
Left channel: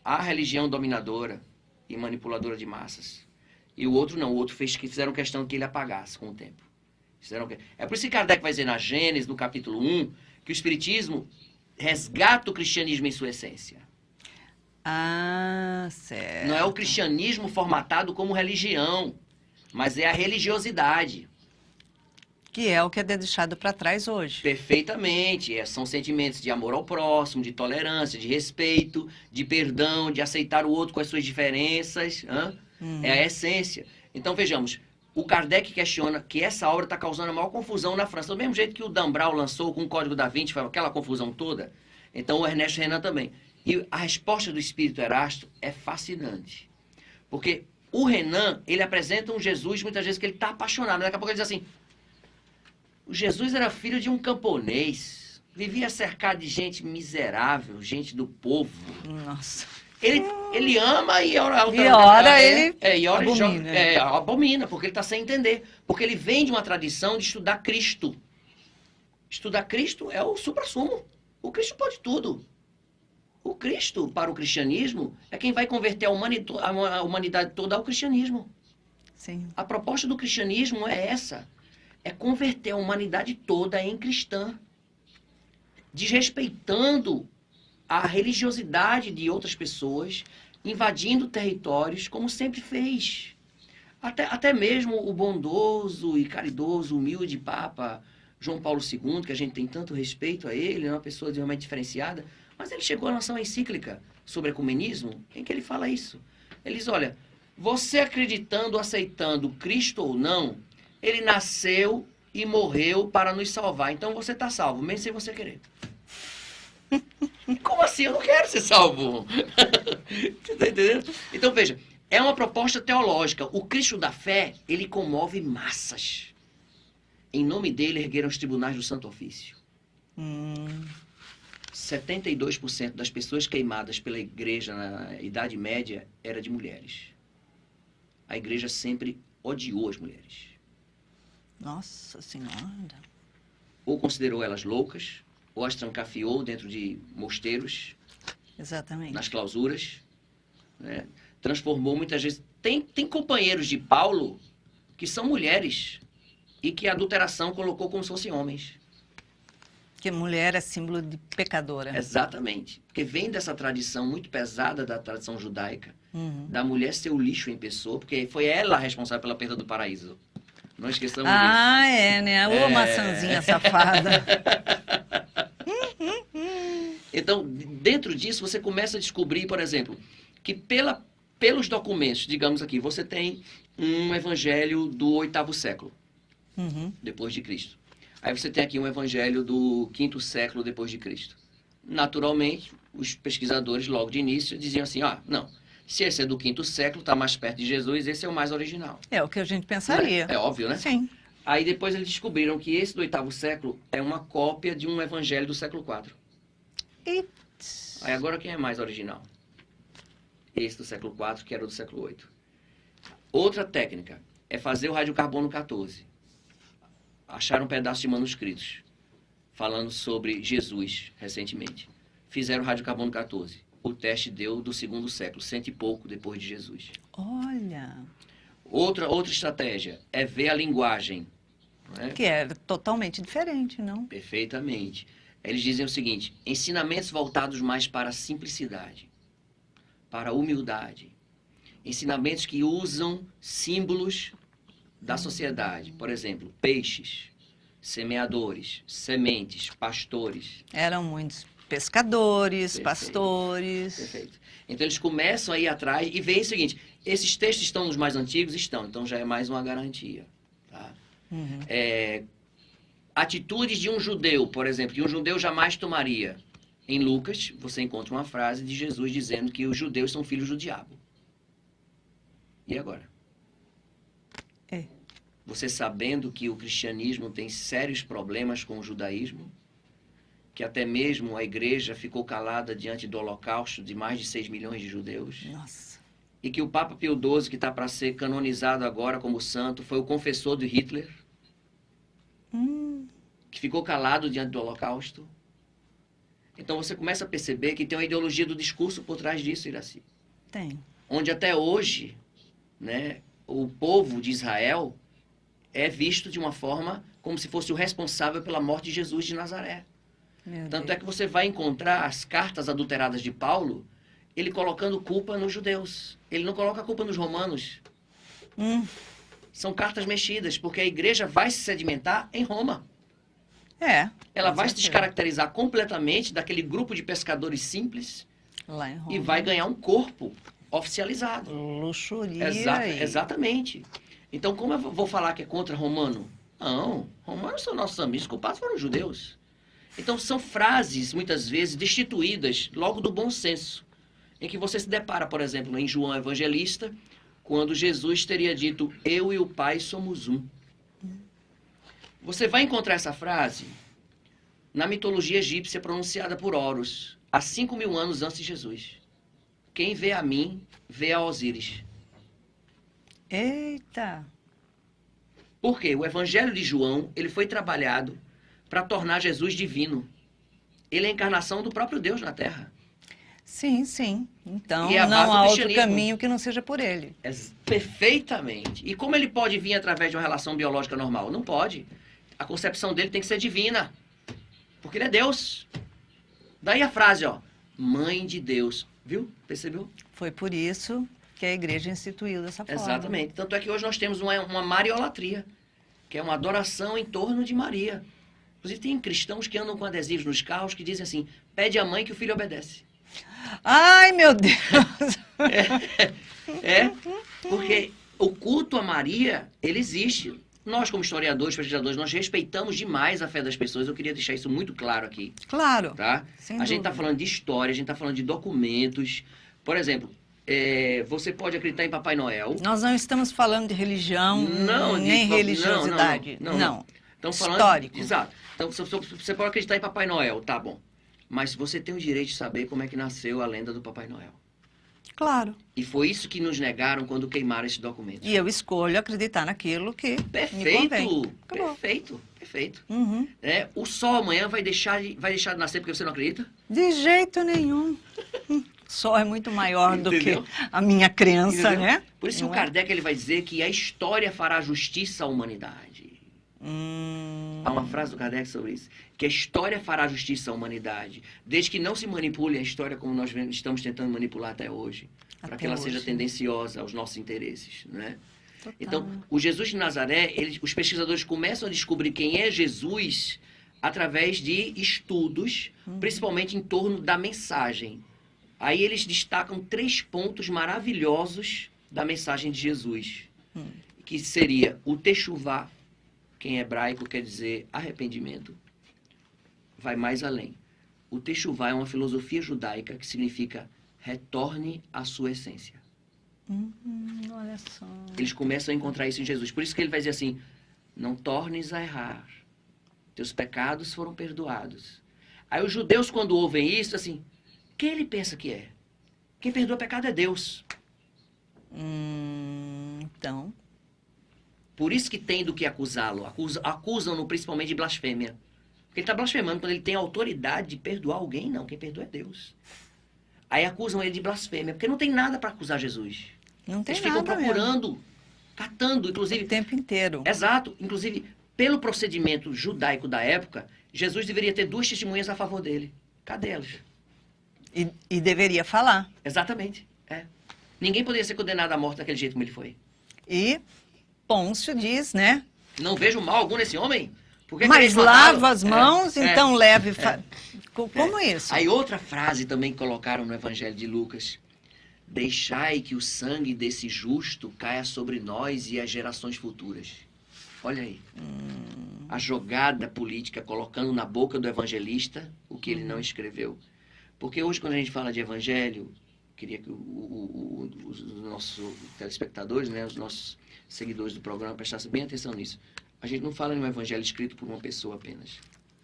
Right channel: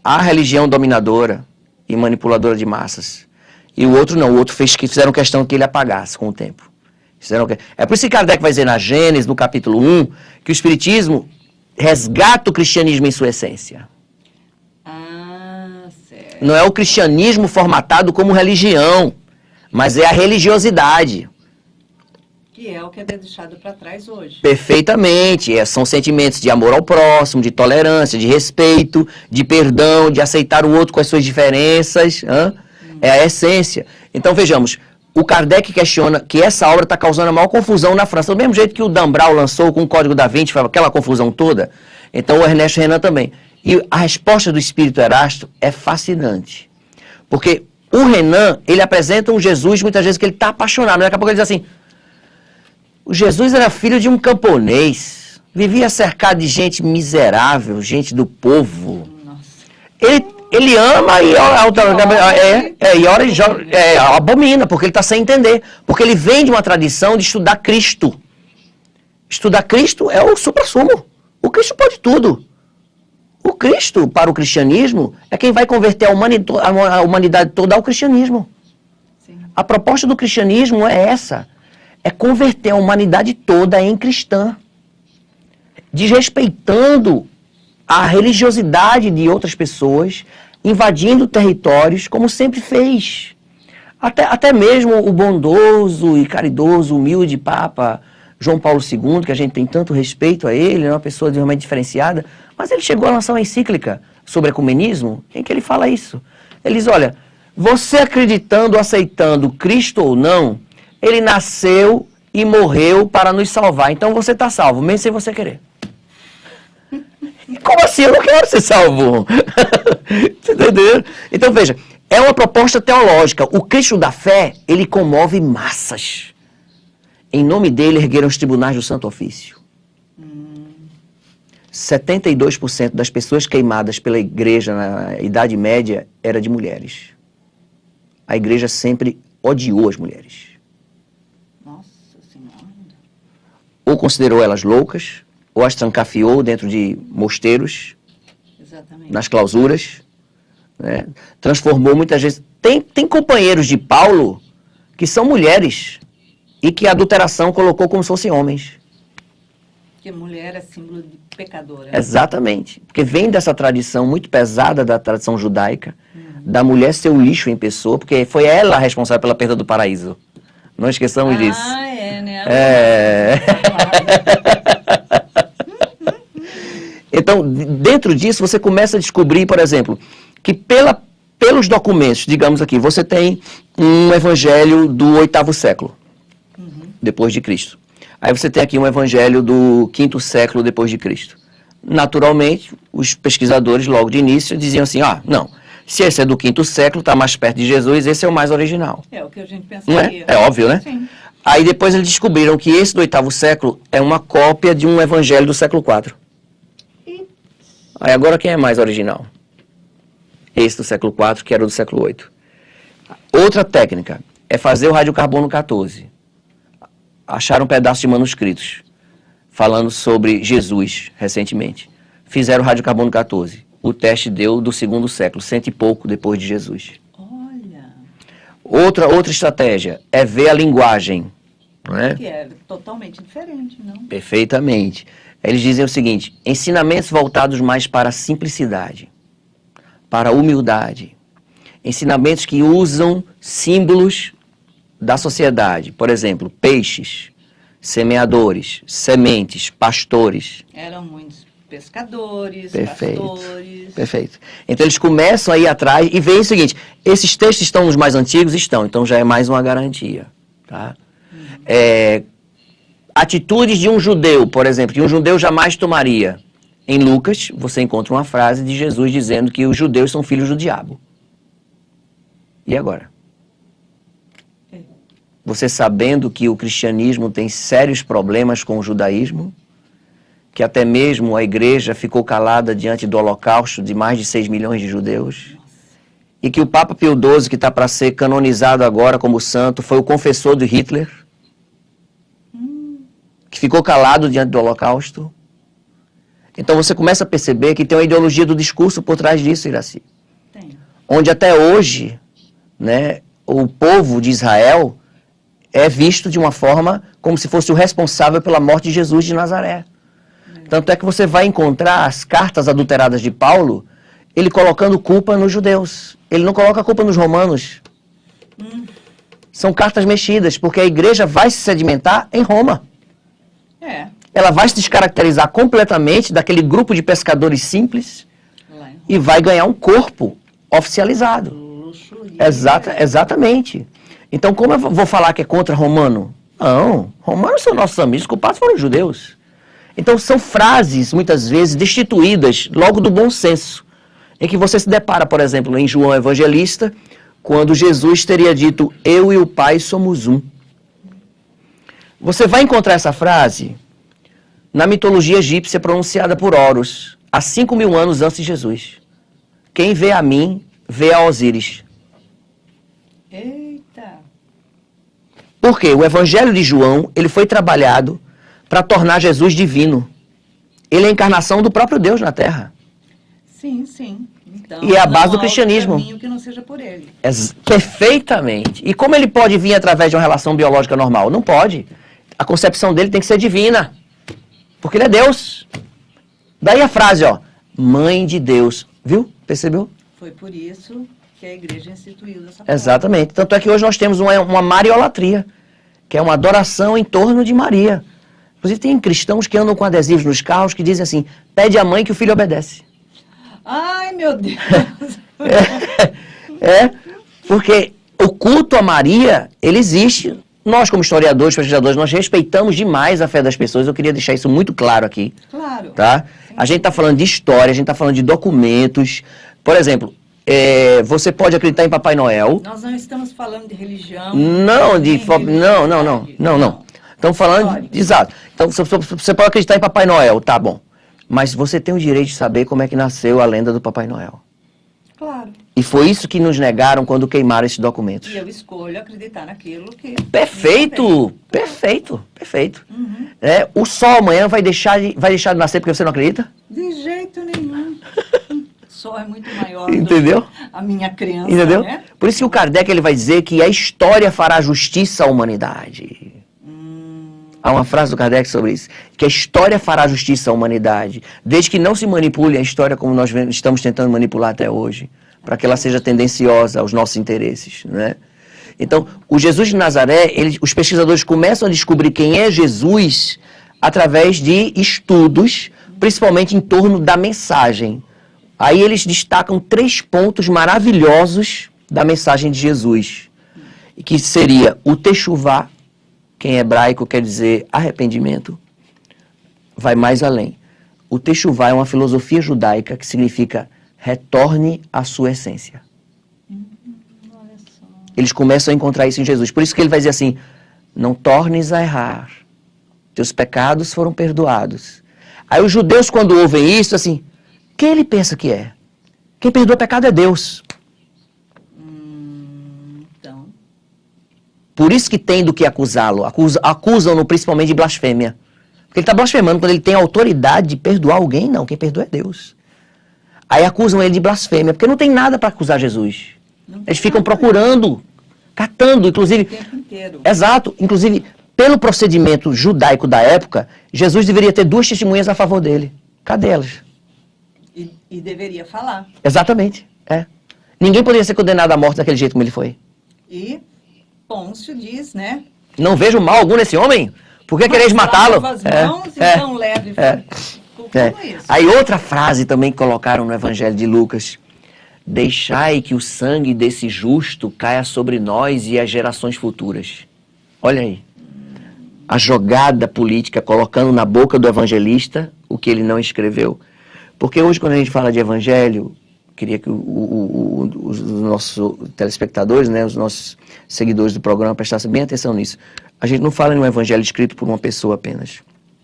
à religião dominadora e manipuladora de massas. E o outro não, o outro fizeram questão que ele apagasse com o tempo. É por isso que Kardec vai dizer na Gênesis, no capítulo 1, que o Espiritismo resgata o cristianismo em sua essência. Certo. Não é o cristianismo formatado como religião, mas é a religiosidade. Que é o que é deixado para trás hoje. Perfeitamente. São sentimentos de amor ao próximo, de tolerância, de respeito, de perdão, de aceitar o outro com as suas diferenças. É a essência. Então, vejamos, o Kardec questiona que essa obra está causando a maior confusão na França. Do mesmo jeito que o Dan Brown lançou com o Código da Vinci, aquela confusão toda, então o Ernest Renan também. E a resposta do Espírito Erasto é fascinante. Porque o Renan, ele apresenta um Jesus, muitas vezes, que ele está apaixonado. Daqui a pouco ele diz assim, o Jesus era filho de um camponês, vivia cercado de gente miserável, gente do povo. Ele ama e ora e abomina, porque ele está sem entender. Porque ele vem de uma tradição de estudar Cristo. Estudar Cristo é o suprassumo. O Cristo pode tudo. O Cristo, para o cristianismo, é quem vai converter a humanidade toda ao cristianismo. Sim. A proposta do cristianismo é essa. É converter a humanidade toda em cristã. Desrespeitando a religiosidade de outras pessoas, invadindo territórios, como sempre fez. Até mesmo o bondoso e caridoso, humilde Papa João Paulo II, que a gente tem tanto respeito a ele, é uma pessoa realmente diferenciada, mas ele chegou a lançar uma encíclica sobre ecumenismo, em que ele fala isso. Ele diz, olha, você acreditando, aceitando Cristo ou não, ele nasceu e morreu para nos salvar. Então você está salvo, mesmo sem você querer. Como assim? Eu não quero ser salvo. Entendeu? Então, veja, é uma proposta teológica. O Cristo da fé, ele comove massas. Em nome dele, ergueram os tribunais do Santo Ofício. 72% das pessoas queimadas pela igreja na Idade Média era de mulheres. A igreja sempre odiou as mulheres. Nossa Senhora. Ou considerou elas loucas, ou as trancafiou dentro de mosteiros, Exatamente. nas clausuras, né? Transformou muitas vezes... Tem companheiros de Paulo que são mulheres e que a adulteração colocou como se fossem homens. Porque mulher é símbolo de pecadora. Exatamente. Porque vem dessa tradição muito pesada da tradição judaica, da mulher ser o lixo em pessoa, porque foi ela a responsável pela perda do paraíso. Não esqueçamos disso. Ah, é, né? Então, dentro disso, você começa a descobrir, por exemplo, que pelos documentos, digamos aqui, você tem um evangelho do 8º século, depois de Cristo. Aí você tem aqui um evangelho do 5º século depois de Cristo. Naturalmente, os pesquisadores, logo de início, diziam assim, não, se esse é do 5º século, está mais perto de Jesus, esse é o mais original. É o que a gente Não pensaria. é? É óbvio, né? Sim. Aí depois eles descobriram que esse do 8º século é uma cópia de um evangelho do século IV. Aí agora quem é mais original? Esse do século IV, que era do século VIII. Outra técnica é fazer o radiocarbono 14. Acharam um pedaço de manuscritos falando sobre Jesus recentemente. Fizeram o radiocarbono 14. O teste deu do 2º século, 100 e pouco depois de Jesus. Olha. Outra estratégia é ver a linguagem. Não é? Que é totalmente diferente, não? Perfeitamente. Eles dizem o seguinte, ensinamentos voltados mais para a simplicidade, para a humildade. Ensinamentos que usam símbolos da sociedade. Por exemplo, peixes, semeadores, sementes, pastores. Eram muitos pescadores, Perfeito. pastores. Perfeito. Então eles começam a ir atrás e veem o seguinte, esses textos estão nos mais antigos? Estão, então já é mais uma garantia. Tá? Atitudes de um judeu, por exemplo, que um judeu jamais tomaria. Em Lucas, você encontra uma frase de Jesus dizendo que os judeus são filhos do diabo. E agora? Você sabendo que o cristianismo tem sérios problemas com o judaísmo, que até mesmo a igreja ficou calada diante do holocausto de mais de 6 milhões de judeus, e que o Papa Pio XII, que está para ser canonizado agora como santo, foi o confessor de Hitler, que ficou calado diante do holocausto. Então você começa a perceber que tem uma ideologia do discurso por trás disso, Iraci. Tem. Onde até hoje, né, o povo de Israel é visto de uma forma como se fosse o responsável pela morte de Jesus de Nazaré. Tanto é que você vai encontrar as cartas adulteradas de Paulo, ele colocando culpa nos judeus. Ele não coloca a culpa nos romanos. São cartas mexidas, porque a igreja vai se sedimentar em Roma. Ela vai se descaracterizar completamente daquele grupo de pescadores simples Lá em Roma. e vai ganhar um corpo oficializado. Luxúria. Exatamente. Então, como eu vou falar que é contra romano? Não, romanos são nossos amigos, os culpados foram os judeus. Então, são frases, muitas vezes, destituídas logo do bom senso, em que você se depara, por exemplo, em João Evangelista, quando Jesus teria dito, eu e o Pai somos um. Você vai encontrar essa frase na mitologia egípcia pronunciada por Horus, há 5.000 anos antes de Jesus, quem vê a mim, vê a Osíris. Eita! Por quê? O Evangelho de João, ele foi trabalhado para tornar Jesus divino. Ele é a encarnação do próprio Deus na Terra. Sim, sim. Então, E é a base não do há cristianismo. outro caminho que não seja por ele. Perfeitamente. E como ele pode vir através de uma relação biológica normal? Não pode. A concepção dele tem que ser divina. Porque ele é Deus. Daí a frase, ó, mãe de Deus. Viu? Percebeu? Foi por isso que a igreja instituiu dessa forma. Exatamente. Tanto é que hoje nós temos uma mariolatria, que é uma adoração em torno de Maria. Inclusive tem cristãos que andam com adesivos nos carros que dizem assim, pede à mãe que o filho obedece. Ai, meu Deus! Porque o culto a Maria, ele existe. Nós, como historiadores, pesquisadores, nós respeitamos demais a fé das pessoas. Eu queria deixar isso muito claro aqui. Claro. Tá? A gente está falando de história, a gente está falando de documentos. Por exemplo, você pode acreditar em Papai Noel. Nós não estamos falando de religião. Não, nem religiosidade. não. Estamos falando... Histórico. Exato. Então, você pode acreditar em Papai Noel, tá bom. Mas você tem o direito de saber como é que nasceu a lenda do Papai Noel. Claro. E foi isso que nos negaram quando queimaram esses documentos. E eu escolho acreditar naquilo que... Perfeito! Perfeito, perfeito. Uhum. O sol amanhã vai deixar de nascer porque você não acredita? De jeito nenhum. O sol é muito maior Entendeu? do que a minha crença, Entendeu? né? Por isso que o Kardec ele vai dizer que a história fará justiça à humanidade. Há uma frase do Kardec sobre isso, que a história fará justiça à humanidade, desde que não se manipule a história como nós estamos tentando manipular até hoje, para que ela seja tendenciosa aos nossos interesses, né? Então, o Jesus de Nazaré, os pesquisadores começam a descobrir quem é Jesus através de estudos, principalmente em torno da mensagem. Aí eles destacam 3 pontos maravilhosos da mensagem de Jesus, que seria o Techuvá, que em hebraico quer dizer arrependimento, vai mais além. O Techuvá é uma filosofia judaica que significa retorne à sua essência. Olha só. Eles começam a encontrar isso em Jesus. Por isso que ele vai dizer assim, não tornes a errar, teus pecados foram perdoados. Aí os judeus, quando ouvem isso, assim, quem ele pensa que é? Quem perdoa pecado é Deus. Então... Por isso que tem do que acusá-lo. Acusam-no principalmente de blasfêmia. Porque ele está blasfemando quando ele tem autoridade de perdoar alguém. Não, quem perdoa é Deus. Aí acusam ele de blasfêmia, porque não tem nada para acusar Jesus. Eles ficam procurando, catando, inclusive... O tempo inteiro. Exato. Inclusive, pelo procedimento judaico da época, Jesus deveria ter 2 testemunhas a favor dele. Cadê elas? E deveria falar. Exatamente. Ninguém poderia ser condenado à morte daquele jeito como ele foi. E Pôncio diz, né? Não vejo mal algum nesse homem. Por que quereis matá-lo? Lava as mãos e tão leve. Como isso? Aí outra frase também que colocaram no Evangelho de Lucas. Deixai que o sangue desse justo caia sobre nós e as gerações futuras. Olha aí. A jogada política colocando na boca do evangelista o que ele não escreveu. Porque hoje, quando a gente fala de evangelho, queria que os nossos telespectadores, né, os nossos seguidores do programa prestassem bem atenção nisso. A gente não fala em um evangelho escrito por uma pessoa apenas.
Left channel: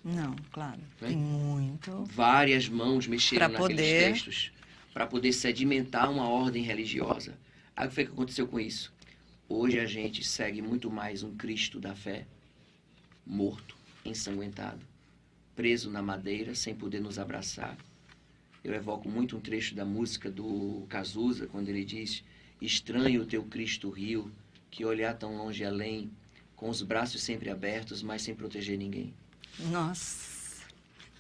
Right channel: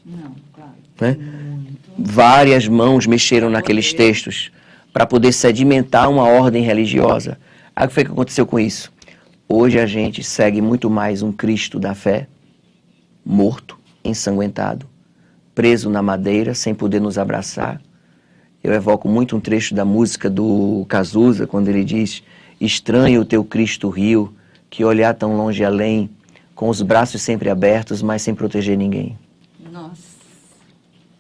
Não, claro. Né? Muito. Várias mãos mexeram Pra naqueles poder- textos para poder sedimentar uma ordem religiosa. Aí o que foi que aconteceu com isso? Hoje a gente segue muito mais um Cristo da fé, morto, ensanguentado, preso na madeira, sem poder nos abraçar. Eu evoco muito um trecho da música do Cazuza, quando ele diz: estranho o teu Cristo rio, que olhar tão longe além, com os braços sempre abertos, mas sem proteger ninguém. Nossa,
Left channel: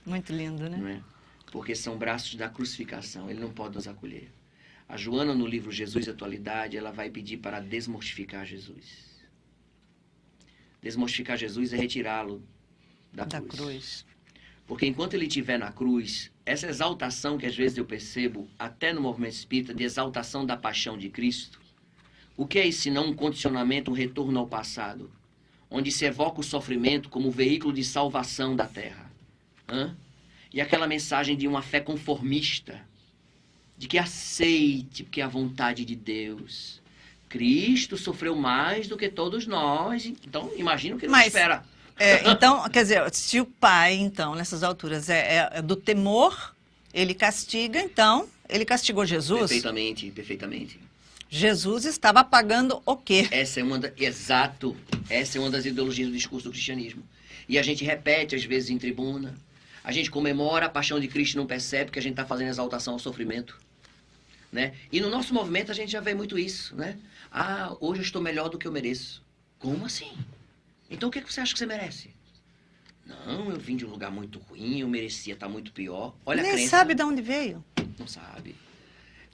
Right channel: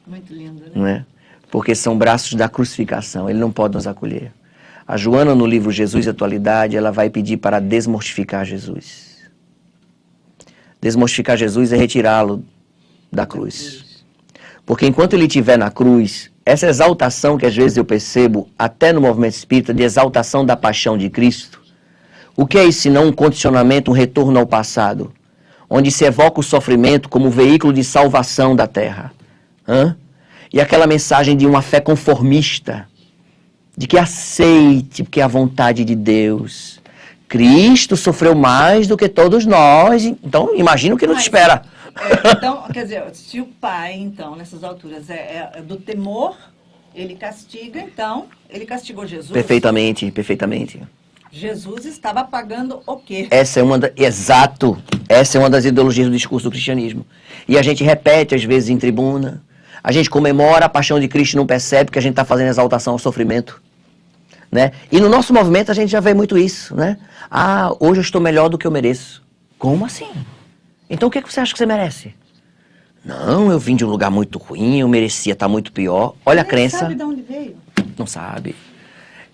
muito lindo, né? Não é? Porque são braços da crucificação, ele não pode nos acolher. A Joana, no livro Jesus e Atualidade, ela vai pedir para desmortificar Jesus. Desmortificar Jesus é retirá-lo da cruz. Porque enquanto ele estiver na cruz, essa exaltação que às vezes eu percebo, até no movimento espírita, de exaltação da paixão de Cristo, o que é isso senão um condicionamento, um retorno ao passado, onde se evoca o sofrimento como veículo de salvação da terra? E aquela mensagem de uma fé conformista, de que aceite, porque é a vontade de Deus. Cristo sofreu mais do que todos nós, então imagina o que nos espera. Então, quer dizer, se o pai, então, nessas alturas, é do temor, Ele castiga, então, ele castigou Jesus. Perfeitamente, perfeitamente. Jesus estava pagando o quê? Exato. Essa é uma das ideologias do discurso do cristianismo. E a gente repete, às vezes, em tribuna. A gente comemora a paixão de Cristo e não percebe que a gente está fazendo exaltação ao sofrimento. Né? E no nosso movimento a gente já vê muito isso. Né? Ah, hoje eu estou melhor do que eu mereço. Como assim? Então o que você acha que você merece? Não, eu vim de um lugar muito ruim, eu merecia estar muito pior. Olha a crença. Nem sabe de onde veio. Não sabe.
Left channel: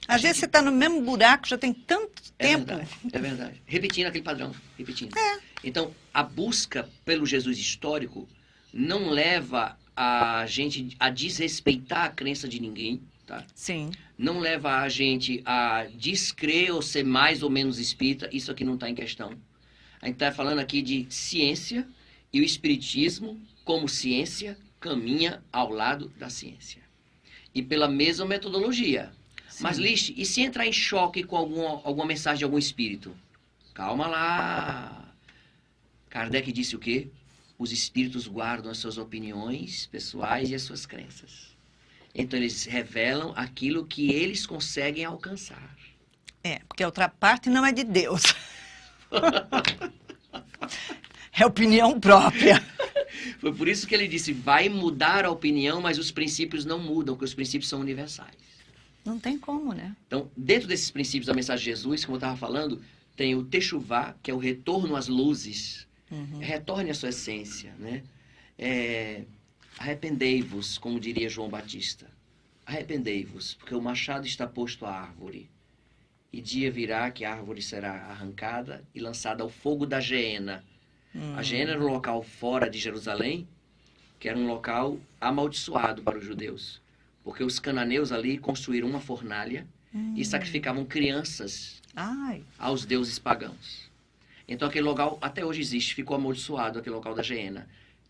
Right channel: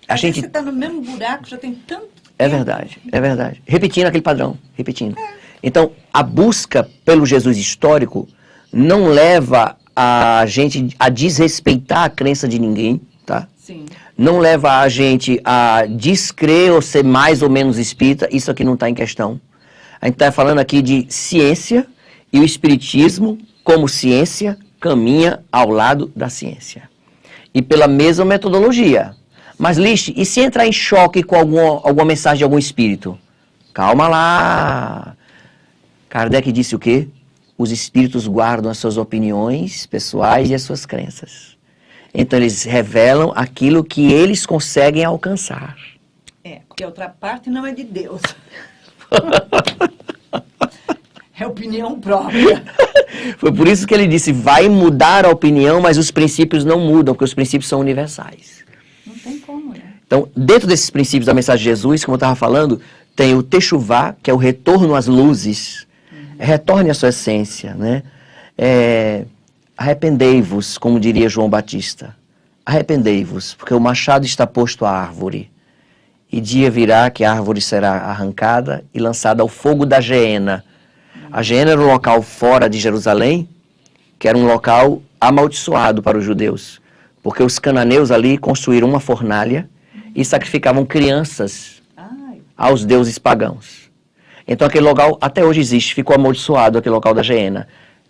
Às vezes você está no mesmo buraco, já tem tanto tempo. É verdade, é verdade. Repetindo aquele padrão, repetindo. Então, a busca pelo Jesus histórico não leva a gente a desrespeitar a crença de ninguém, tá? Sim. Não leva a gente a descrer ou ser mais ou menos espírita, isso aqui não está em questão. A gente está falando aqui de ciência e o espiritismo, como ciência, caminha ao lado da ciência. E pela mesma metodologia. Mas, Lixe, e se entrar em choque com alguma mensagem de algum espírito? Calma lá. Kardec disse o quê? Os espíritos guardam as suas opiniões pessoais e as suas crenças. Então, eles revelam aquilo que eles conseguem alcançar. É, porque a outra parte não é de Deus. É opinião própria. Foi por isso que ele disse, vai mudar a opinião, mas os princípios não mudam, porque os princípios são universais. Não tem como, né? Então, dentro desses princípios da mensagem de Jesus, como eu estava falando, tem o Techuvá, que é o retorno às luzes. Retorne à sua essência, né? Arrependei-vos, como diria João Batista. Arrependei-vos, porque o machado está posto à árvore. E dia virá que a árvore será arrancada e lançada ao fogo da Geena. A Geena era um local fora de Jerusalém, que era um local amaldiçoado para os judeus. Porque os cananeus ali construíram uma fornalha e sacrificavam crianças aos deuses pagãos. Então aquele local até hoje existe, ficou amaldiçoado aquele local da Geena.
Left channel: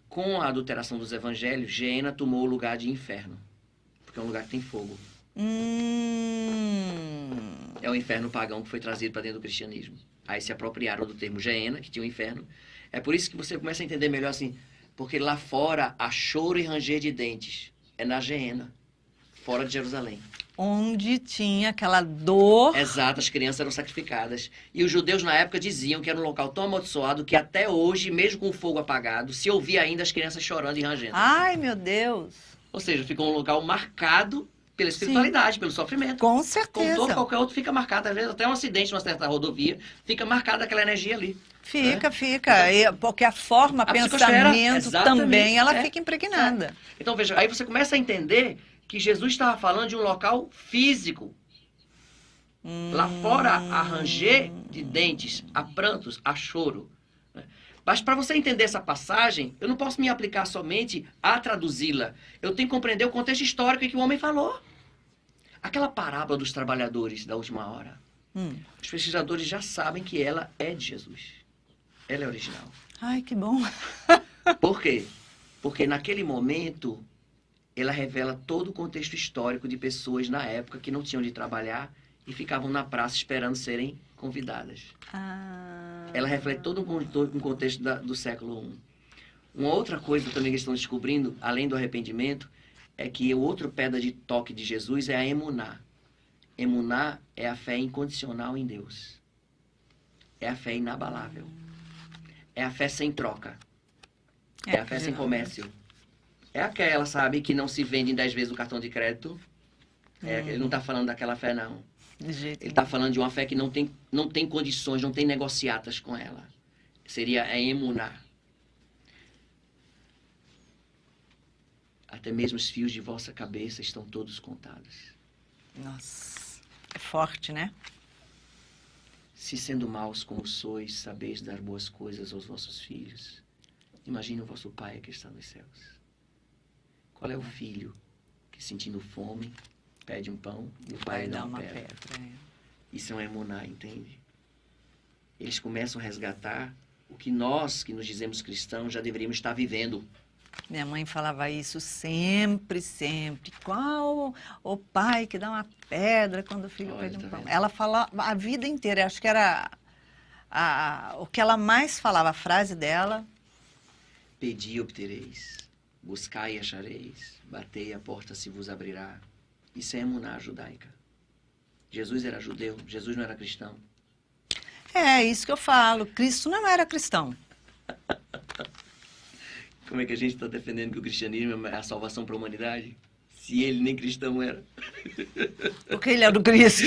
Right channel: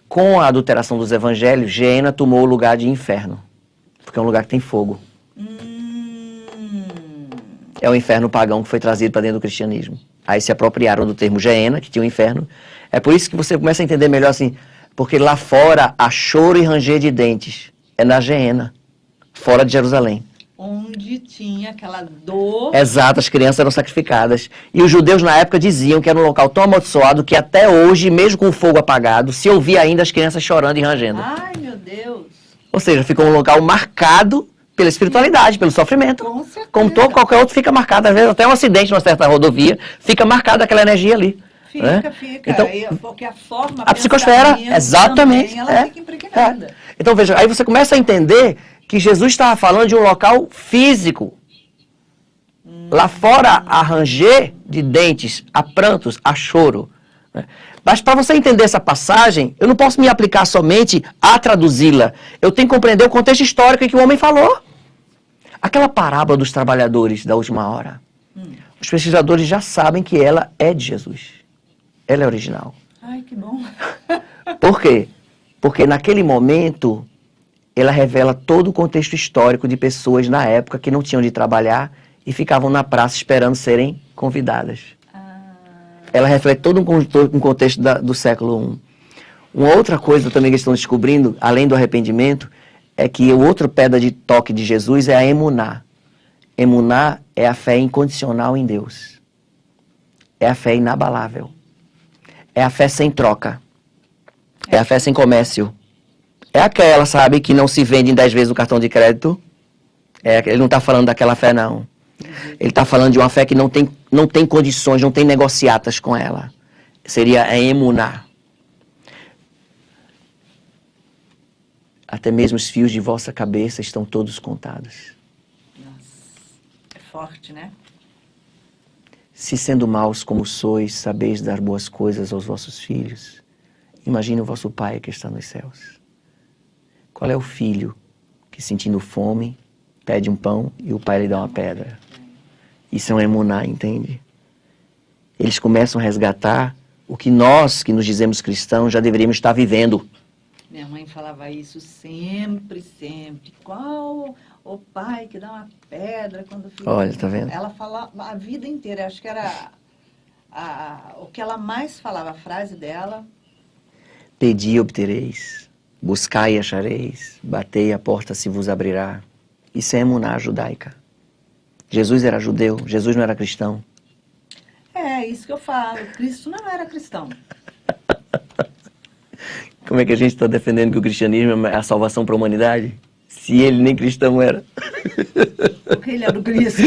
Com a adulteração dos evangelhos, Geena tomou o lugar de inferno, porque é um lugar que tem fogo. É o inferno pagão que foi trazido para dentro do cristianismo. Aí se apropriaram do termo Geena, que tinha o inferno. É por isso que você começa a entender melhor assim, porque lá fora há choro e ranger de dentes. É na Geena, fora de Jerusalém. Onde tinha aquela dor. Exato, as crianças eram sacrificadas. E os judeus na época diziam que era um local tão amaldiçoado que até hoje, mesmo com o fogo apagado, se ouvia ainda as crianças chorando e rangendo. Ai, meu Deus. Ou seja, ficou um local marcado pela espiritualidade, pelo sofrimento. Com certeza. Como todo, qualquer outro fica marcado. Às vezes até um acidente numa certa rodovia, fica marcada aquela energia ali. Fica. Então, porque a forma, a psicosfera, exatamente, também, ela fica impregnada. Então, veja, aí você começa a entender que Jesus estava falando de um local físico. Lá fora, há ranger de dentes, há prantos, há choro. Né? Mas para você entender essa passagem, eu não posso me aplicar somente a traduzi-la. Eu tenho que compreender o contexto histórico em que o homem falou. Aquela parábola dos trabalhadores da última hora. Os pesquisadores já sabem que ela é de Jesus. Ela é original. Ai, que bom. Por quê? Porque naquele momento, ela revela todo o contexto histórico de pessoas na época que não tinham de trabalhar e ficavam na praça esperando serem convidadas. Ela reflete todo um contexto do século I. Uma outra coisa também que estão descobrindo, além do arrependimento, é que o outro pedra de toque de Jesus é a emuná. Emuná é a fé incondicional em Deus. É a fé inabalável. É a fé sem troca. É a fé sem comércio. É aquela, sabe, que não se vende em 10 vezes o cartão de crédito. Ele não está falando daquela fé, não. Ele está falando de uma fé que não tem condições, não tem negociatas com ela. Seria a emuná. Até mesmo os fios de vossa cabeça estão todos contados. Nossa, é forte, né? Se sendo maus como sois, sabeis dar boas coisas aos vossos filhos, imagine o vosso Pai que está nos céus. Qual é o filho que, sentindo fome, pede um pão e o pai lhe dá uma pedra? Isso é um emuná, entende? Eles começam a resgatar o que nós, que nos dizemos cristãos, já deveríamos estar vivendo. Minha mãe falava isso sempre, sempre. Qual o pai que dá uma pedra quando fica... Olha, tá vendo? Ela falava a vida inteira. Acho que era o que ela mais falava, a frase dela. Pedi e obtereis, buscai e achareis, batei e a porta se vos abrirá. Isso é emuná judaica. Jesus era judeu, Jesus não era cristão. É isso que eu falo. Cristo não era cristão. Como é que a gente está defendendo que o cristianismo é a salvação para a humanidade? Se ele nem cristão era. Porque ele é do Cristo.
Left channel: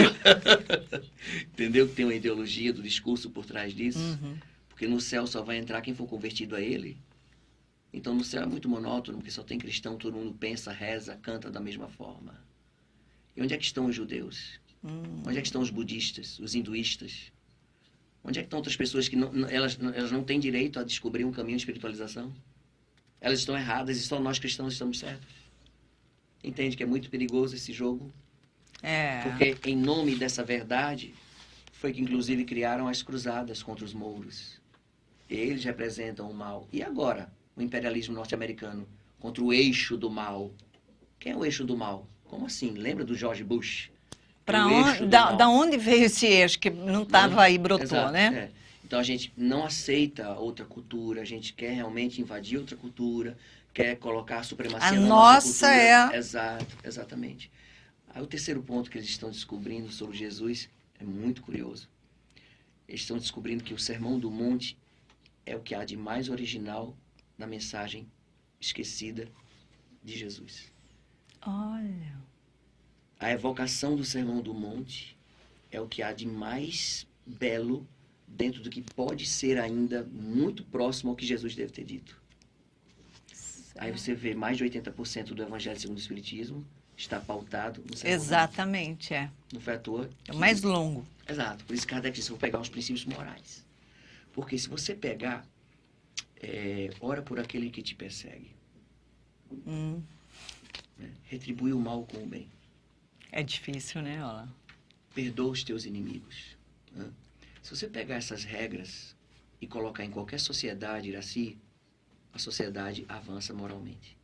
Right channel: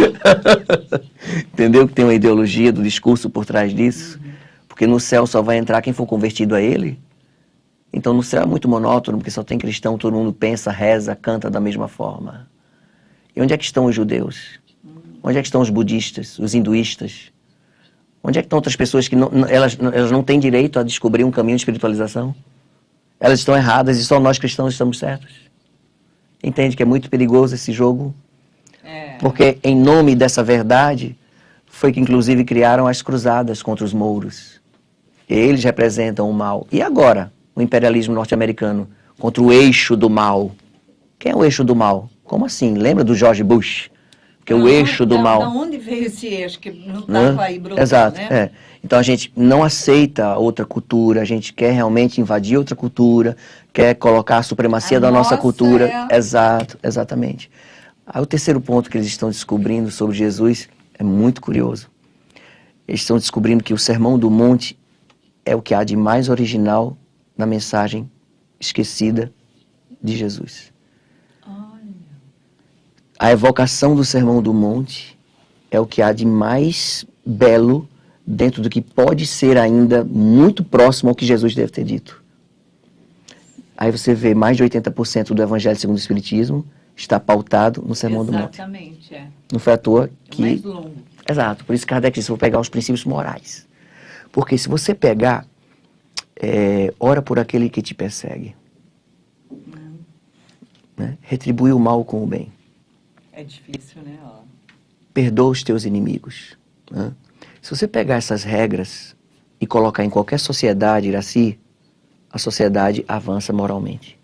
Entendeu que tem uma ideologia do discurso por trás disso? Porque no céu só vai entrar quem for convertido a ele. Então no céu é muito monótono, porque só tem cristão, todo mundo pensa, reza, canta da mesma forma. E onde é que estão os judeus? Onde é que estão os budistas, os hinduístas? Onde é que estão outras pessoas que elas não têm direito a descobrir um caminho de espiritualização? Elas estão erradas e só nós cristãos estamos certos. Entende que é muito perigoso esse jogo? Porque em nome dessa verdade foi que inclusive criaram as cruzadas contra os mouros. Eles representam o mal. E agora, o imperialismo norte-americano contra o eixo do mal? Quem é o eixo do mal? Como assim? Lembra do George Bush? Que o eixo do mal... Da onde veio esse eixo que não estava aí brotando, Exato, né? é. Então a gente não aceita outra cultura, a gente quer realmente invadir outra cultura, quer colocar a supremacia da nossa cultura. Exato, exatamente. Aí o terceiro ponto que eles estão descobrindo sobre Jesus é muito curioso. Eles estão descobrindo que o Sermão do Monte é o que há de mais original na mensagem esquecida de Jesus. Olha. A evocação do Sermão do Monte é o que há de mais belo dentro do que pode ser ainda muito próximo ao que Jesus deve ter dito. Aí você vê mais de 80% do Evangelho segundo o Espiritismo está pautado no Sermão do Monte. Exatamente, é. Não foi à toa É que... o mais longo. Exato. Por isso Kardec disse, vou pegar os princípios morais. Porque se você pegar, ora por aquele que te persegue. Né? Retribui o mal com o bem. É difícil, né? Ó. Perdoa os teus inimigos. Né? Se você pegar essas regras e colocar em qualquer sociedade, Iraci, a sociedade avança moralmente.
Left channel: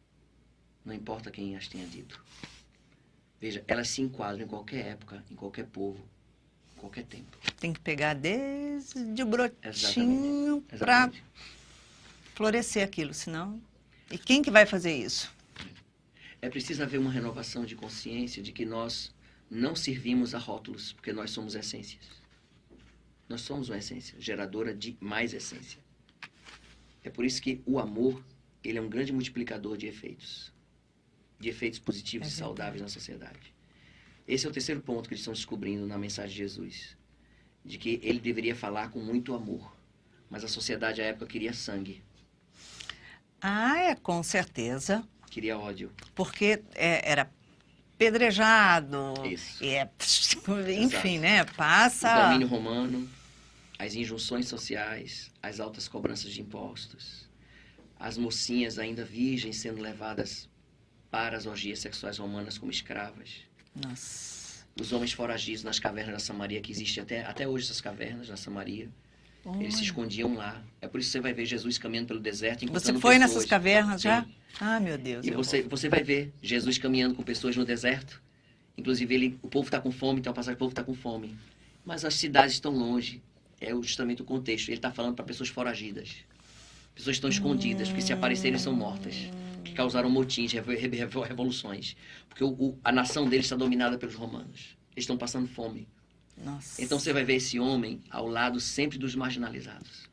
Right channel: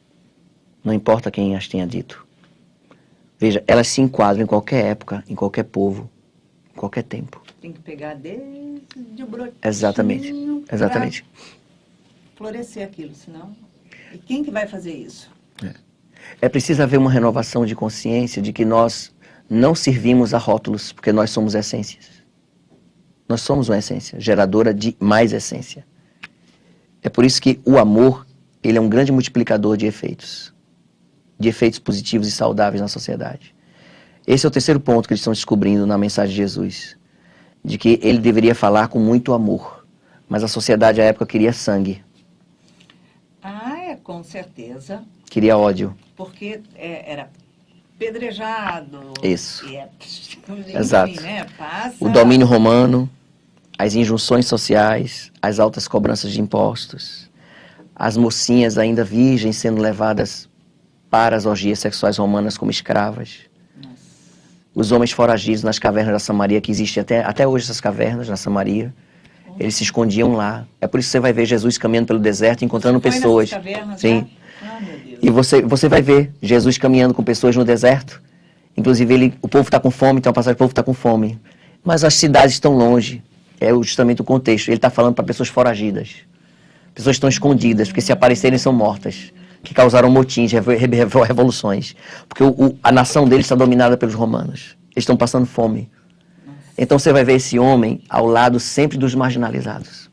Não importa quem as tenha dito. Veja, elas se enquadram em qualquer época, em qualquer povo, em qualquer tempo. Tem que pegar desde o brotinho. Exatamente. Exatamente. Florescer aquilo, senão... E quem que vai fazer isso? É preciso haver uma renovação de consciência de que nós não servimos a rótulos, porque nós somos essências. Nós somos uma essência, geradora de mais essência. É por isso que o amor, ele é um grande multiplicador de efeitos positivos e saudáveis na sociedade. Esse é o terceiro ponto que eles estão descobrindo na mensagem de Jesus, de que ele deveria falar com muito amor, mas a sociedade à época queria sangue. Ah, com certeza. Queria ódio. Porque era pedrejado. Isso. Enfim, Exato. né? Passa... O domínio romano, as injunções sociais, as altas cobranças de impostos, as mocinhas ainda virgens sendo levadas para as orgias sexuais romanas como escravas. Nossa. Os homens foragidos nas cavernas da Samaria, que existem até hoje essas cavernas na Samaria. Eles se escondiam lá. É por isso que você vai ver Jesus caminhando pelo deserto, encontrando Você foi pessoas. Nessas cavernas, sim. Já? Ah, meu Deus. E você vai ver Jesus caminhando com pessoas no deserto. Inclusive, o povo está com fome, então a passagem, o povo está com fome. Mas as cidades estão longe. É justamente o contexto. Ele está falando para pessoas foragidas. Pessoas que estão escondidas, porque se aparecerem são mortas. Que causaram motins, revoluções. Porque a nação deles está dominada pelos romanos. Eles estão passando fome. Nossa. Então você vai ver esse homem ao lado sempre dos marginalizados.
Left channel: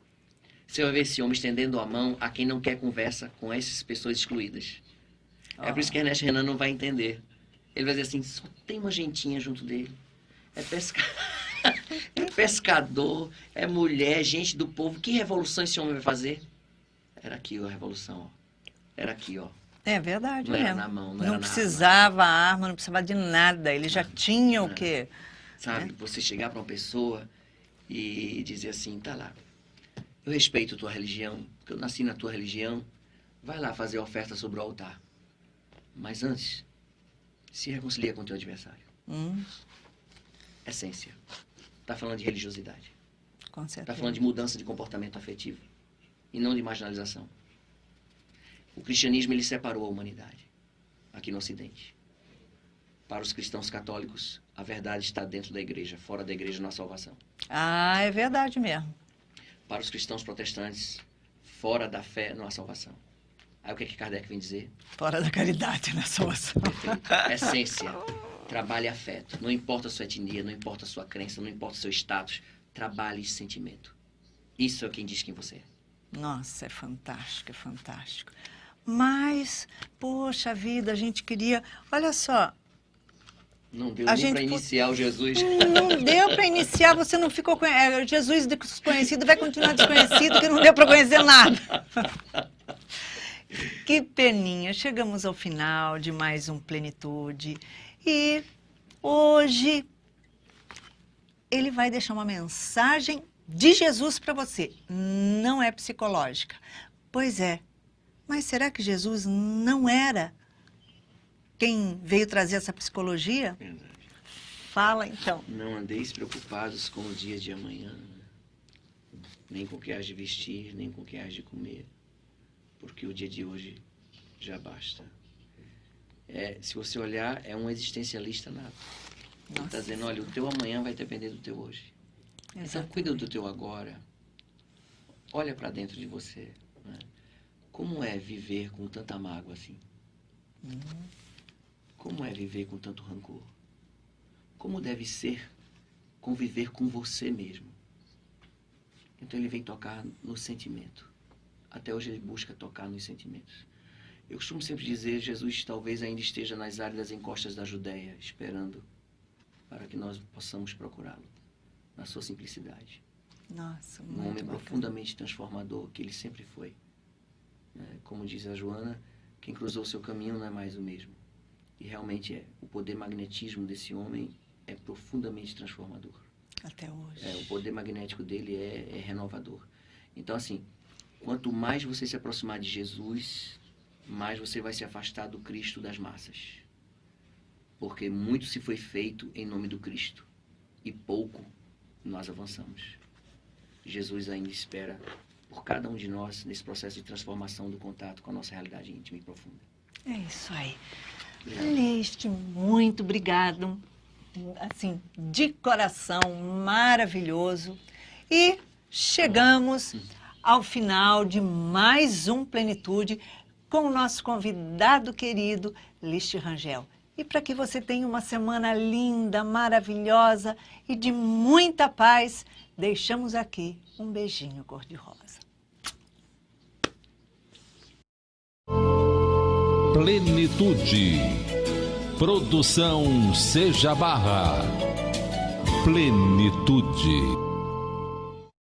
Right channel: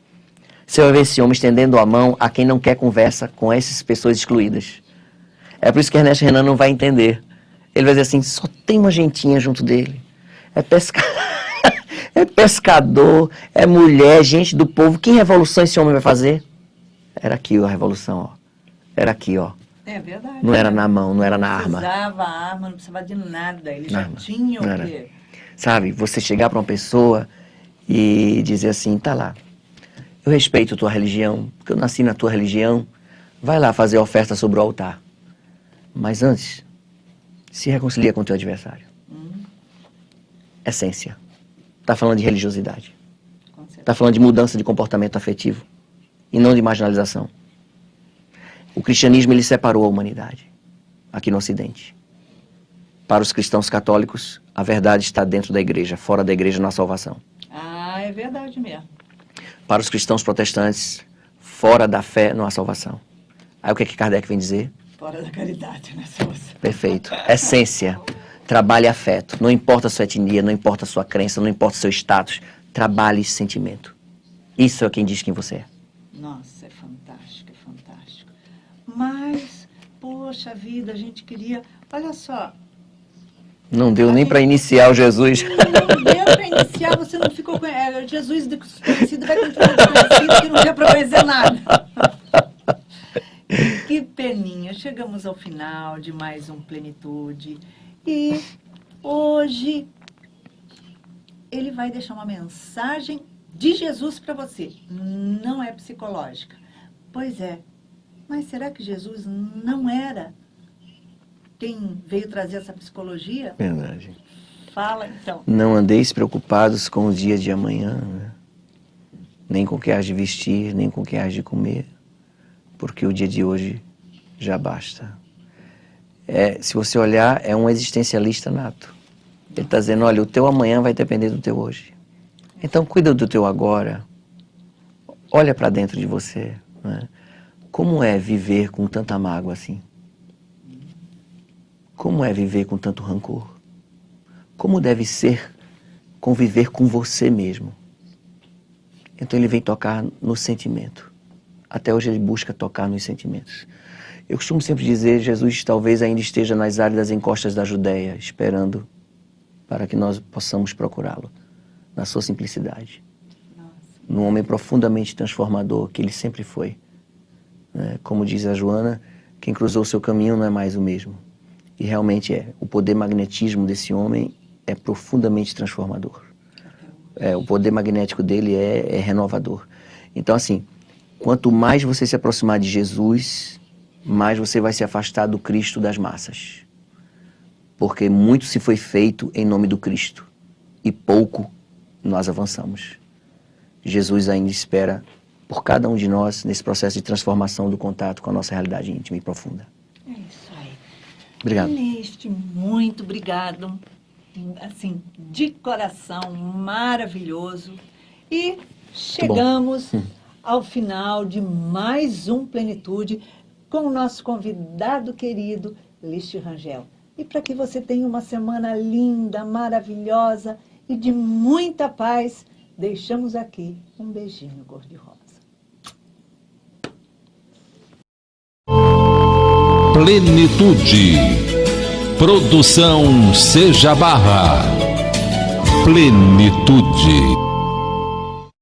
Você vai ver esse homem estendendo a mão a quem não quer conversa com essas pessoas excluídas. É por isso que Ernesto Renan não vai entender. Ele vai dizer assim, só tem uma gentinha junto dele. É pescador, é mulher, gente do povo. Que revolução esse homem vai fazer? Era aqui ó, a revolução, ó. Era aqui, ó. É verdade. Não era na mão, não era na arma. Não precisava arma, não precisava de nada. Ele já tinha o quê? Sabe, você chegar para uma pessoa e dizer assim, tá lá, eu respeito a tua religião, porque eu nasci na tua religião, vai lá fazer oferta sobre o altar. Mas antes, se reconcilia com o teu adversário. Essência. Está falando de religiosidade. Está falando de mudança de comportamento afetivo e não de marginalização. O cristianismo, ele separou a humanidade aqui no Ocidente. Para os cristãos católicos, a verdade está dentro da igreja, fora da igreja não há salvação. Ah, é verdade mesmo. Para os cristãos protestantes, fora da fé não há salvação. Aí o que Kardec vem dizer? Fora da caridade, na salvação. Perfeito. Essência. Trabalhe afeto. Não importa a sua etnia, não importa a sua crença, não importa o seu status. Trabalhe sentimento. Isso é quem diz quem você é. Nossa, é fantástico, é fantástico. Mas, poxa vida, a gente queria... Olha só... Não deu nem para iniciar o Jesus. Não deu para iniciar, você não ficou... Jesus desconhecido vai continuar desconhecido, que não deu para conhecer nada. Que peninha. Chegamos ao final de mais um Plenitude. E hoje ele vai deixar uma mensagem de Jesus para você. Não é psicológica. Pois é. Mas será que Jesus não era quem veio trazer essa psicologia? Verdade. Fala, então. Não andeis preocupados com o dia de amanhã, né? Nem com o que hás de vestir, nem com o que hás de comer, porque o dia de hoje já basta. Se você olhar, é um existencialista nato. Ele está dizendo, olha, o teu amanhã vai depender do teu hoje. Então, cuida do teu agora. Olha para dentro de você, né? Como é viver com tanta mágoa assim? Como é viver com tanto rancor? Como deve ser conviver com você mesmo? Então ele vem tocar no sentimento. Até hoje ele busca tocar nos sentimentos. Eu costumo sempre dizer, Jesus talvez ainda esteja nas áridas encostas da Judéia, esperando para que nós possamos procurá-lo, na sua simplicidade. Nossa. Num homem profundamente transformador, que ele sempre foi. Como diz a Joana, quem cruzou o seu caminho não é mais o mesmo. E realmente é. O poder magnetismo desse homem é profundamente transformador. Até hoje. O poder magnético dele é renovador. Então, assim, quanto mais você se aproximar de Jesus, mais você vai se afastar do Cristo das massas. Porque muito se foi feito em nome do Cristo e pouco nós avançamos. Jesus ainda espera por cada um de nós nesse processo de transformação do contato com a nossa realidade íntima e profunda. É isso aí. Obrigado. Celeste, muito obrigado. Assim, de coração, maravilhoso. E chegamos ao final de mais um Plenitude com o nosso convidado querido, Listi Rangel. E para que você tenha uma semana linda, maravilhosa e de muita paz, deixamos aqui um beijinho cor-de-rosa. Plenitude. Produção Seja Barra. Plenitude.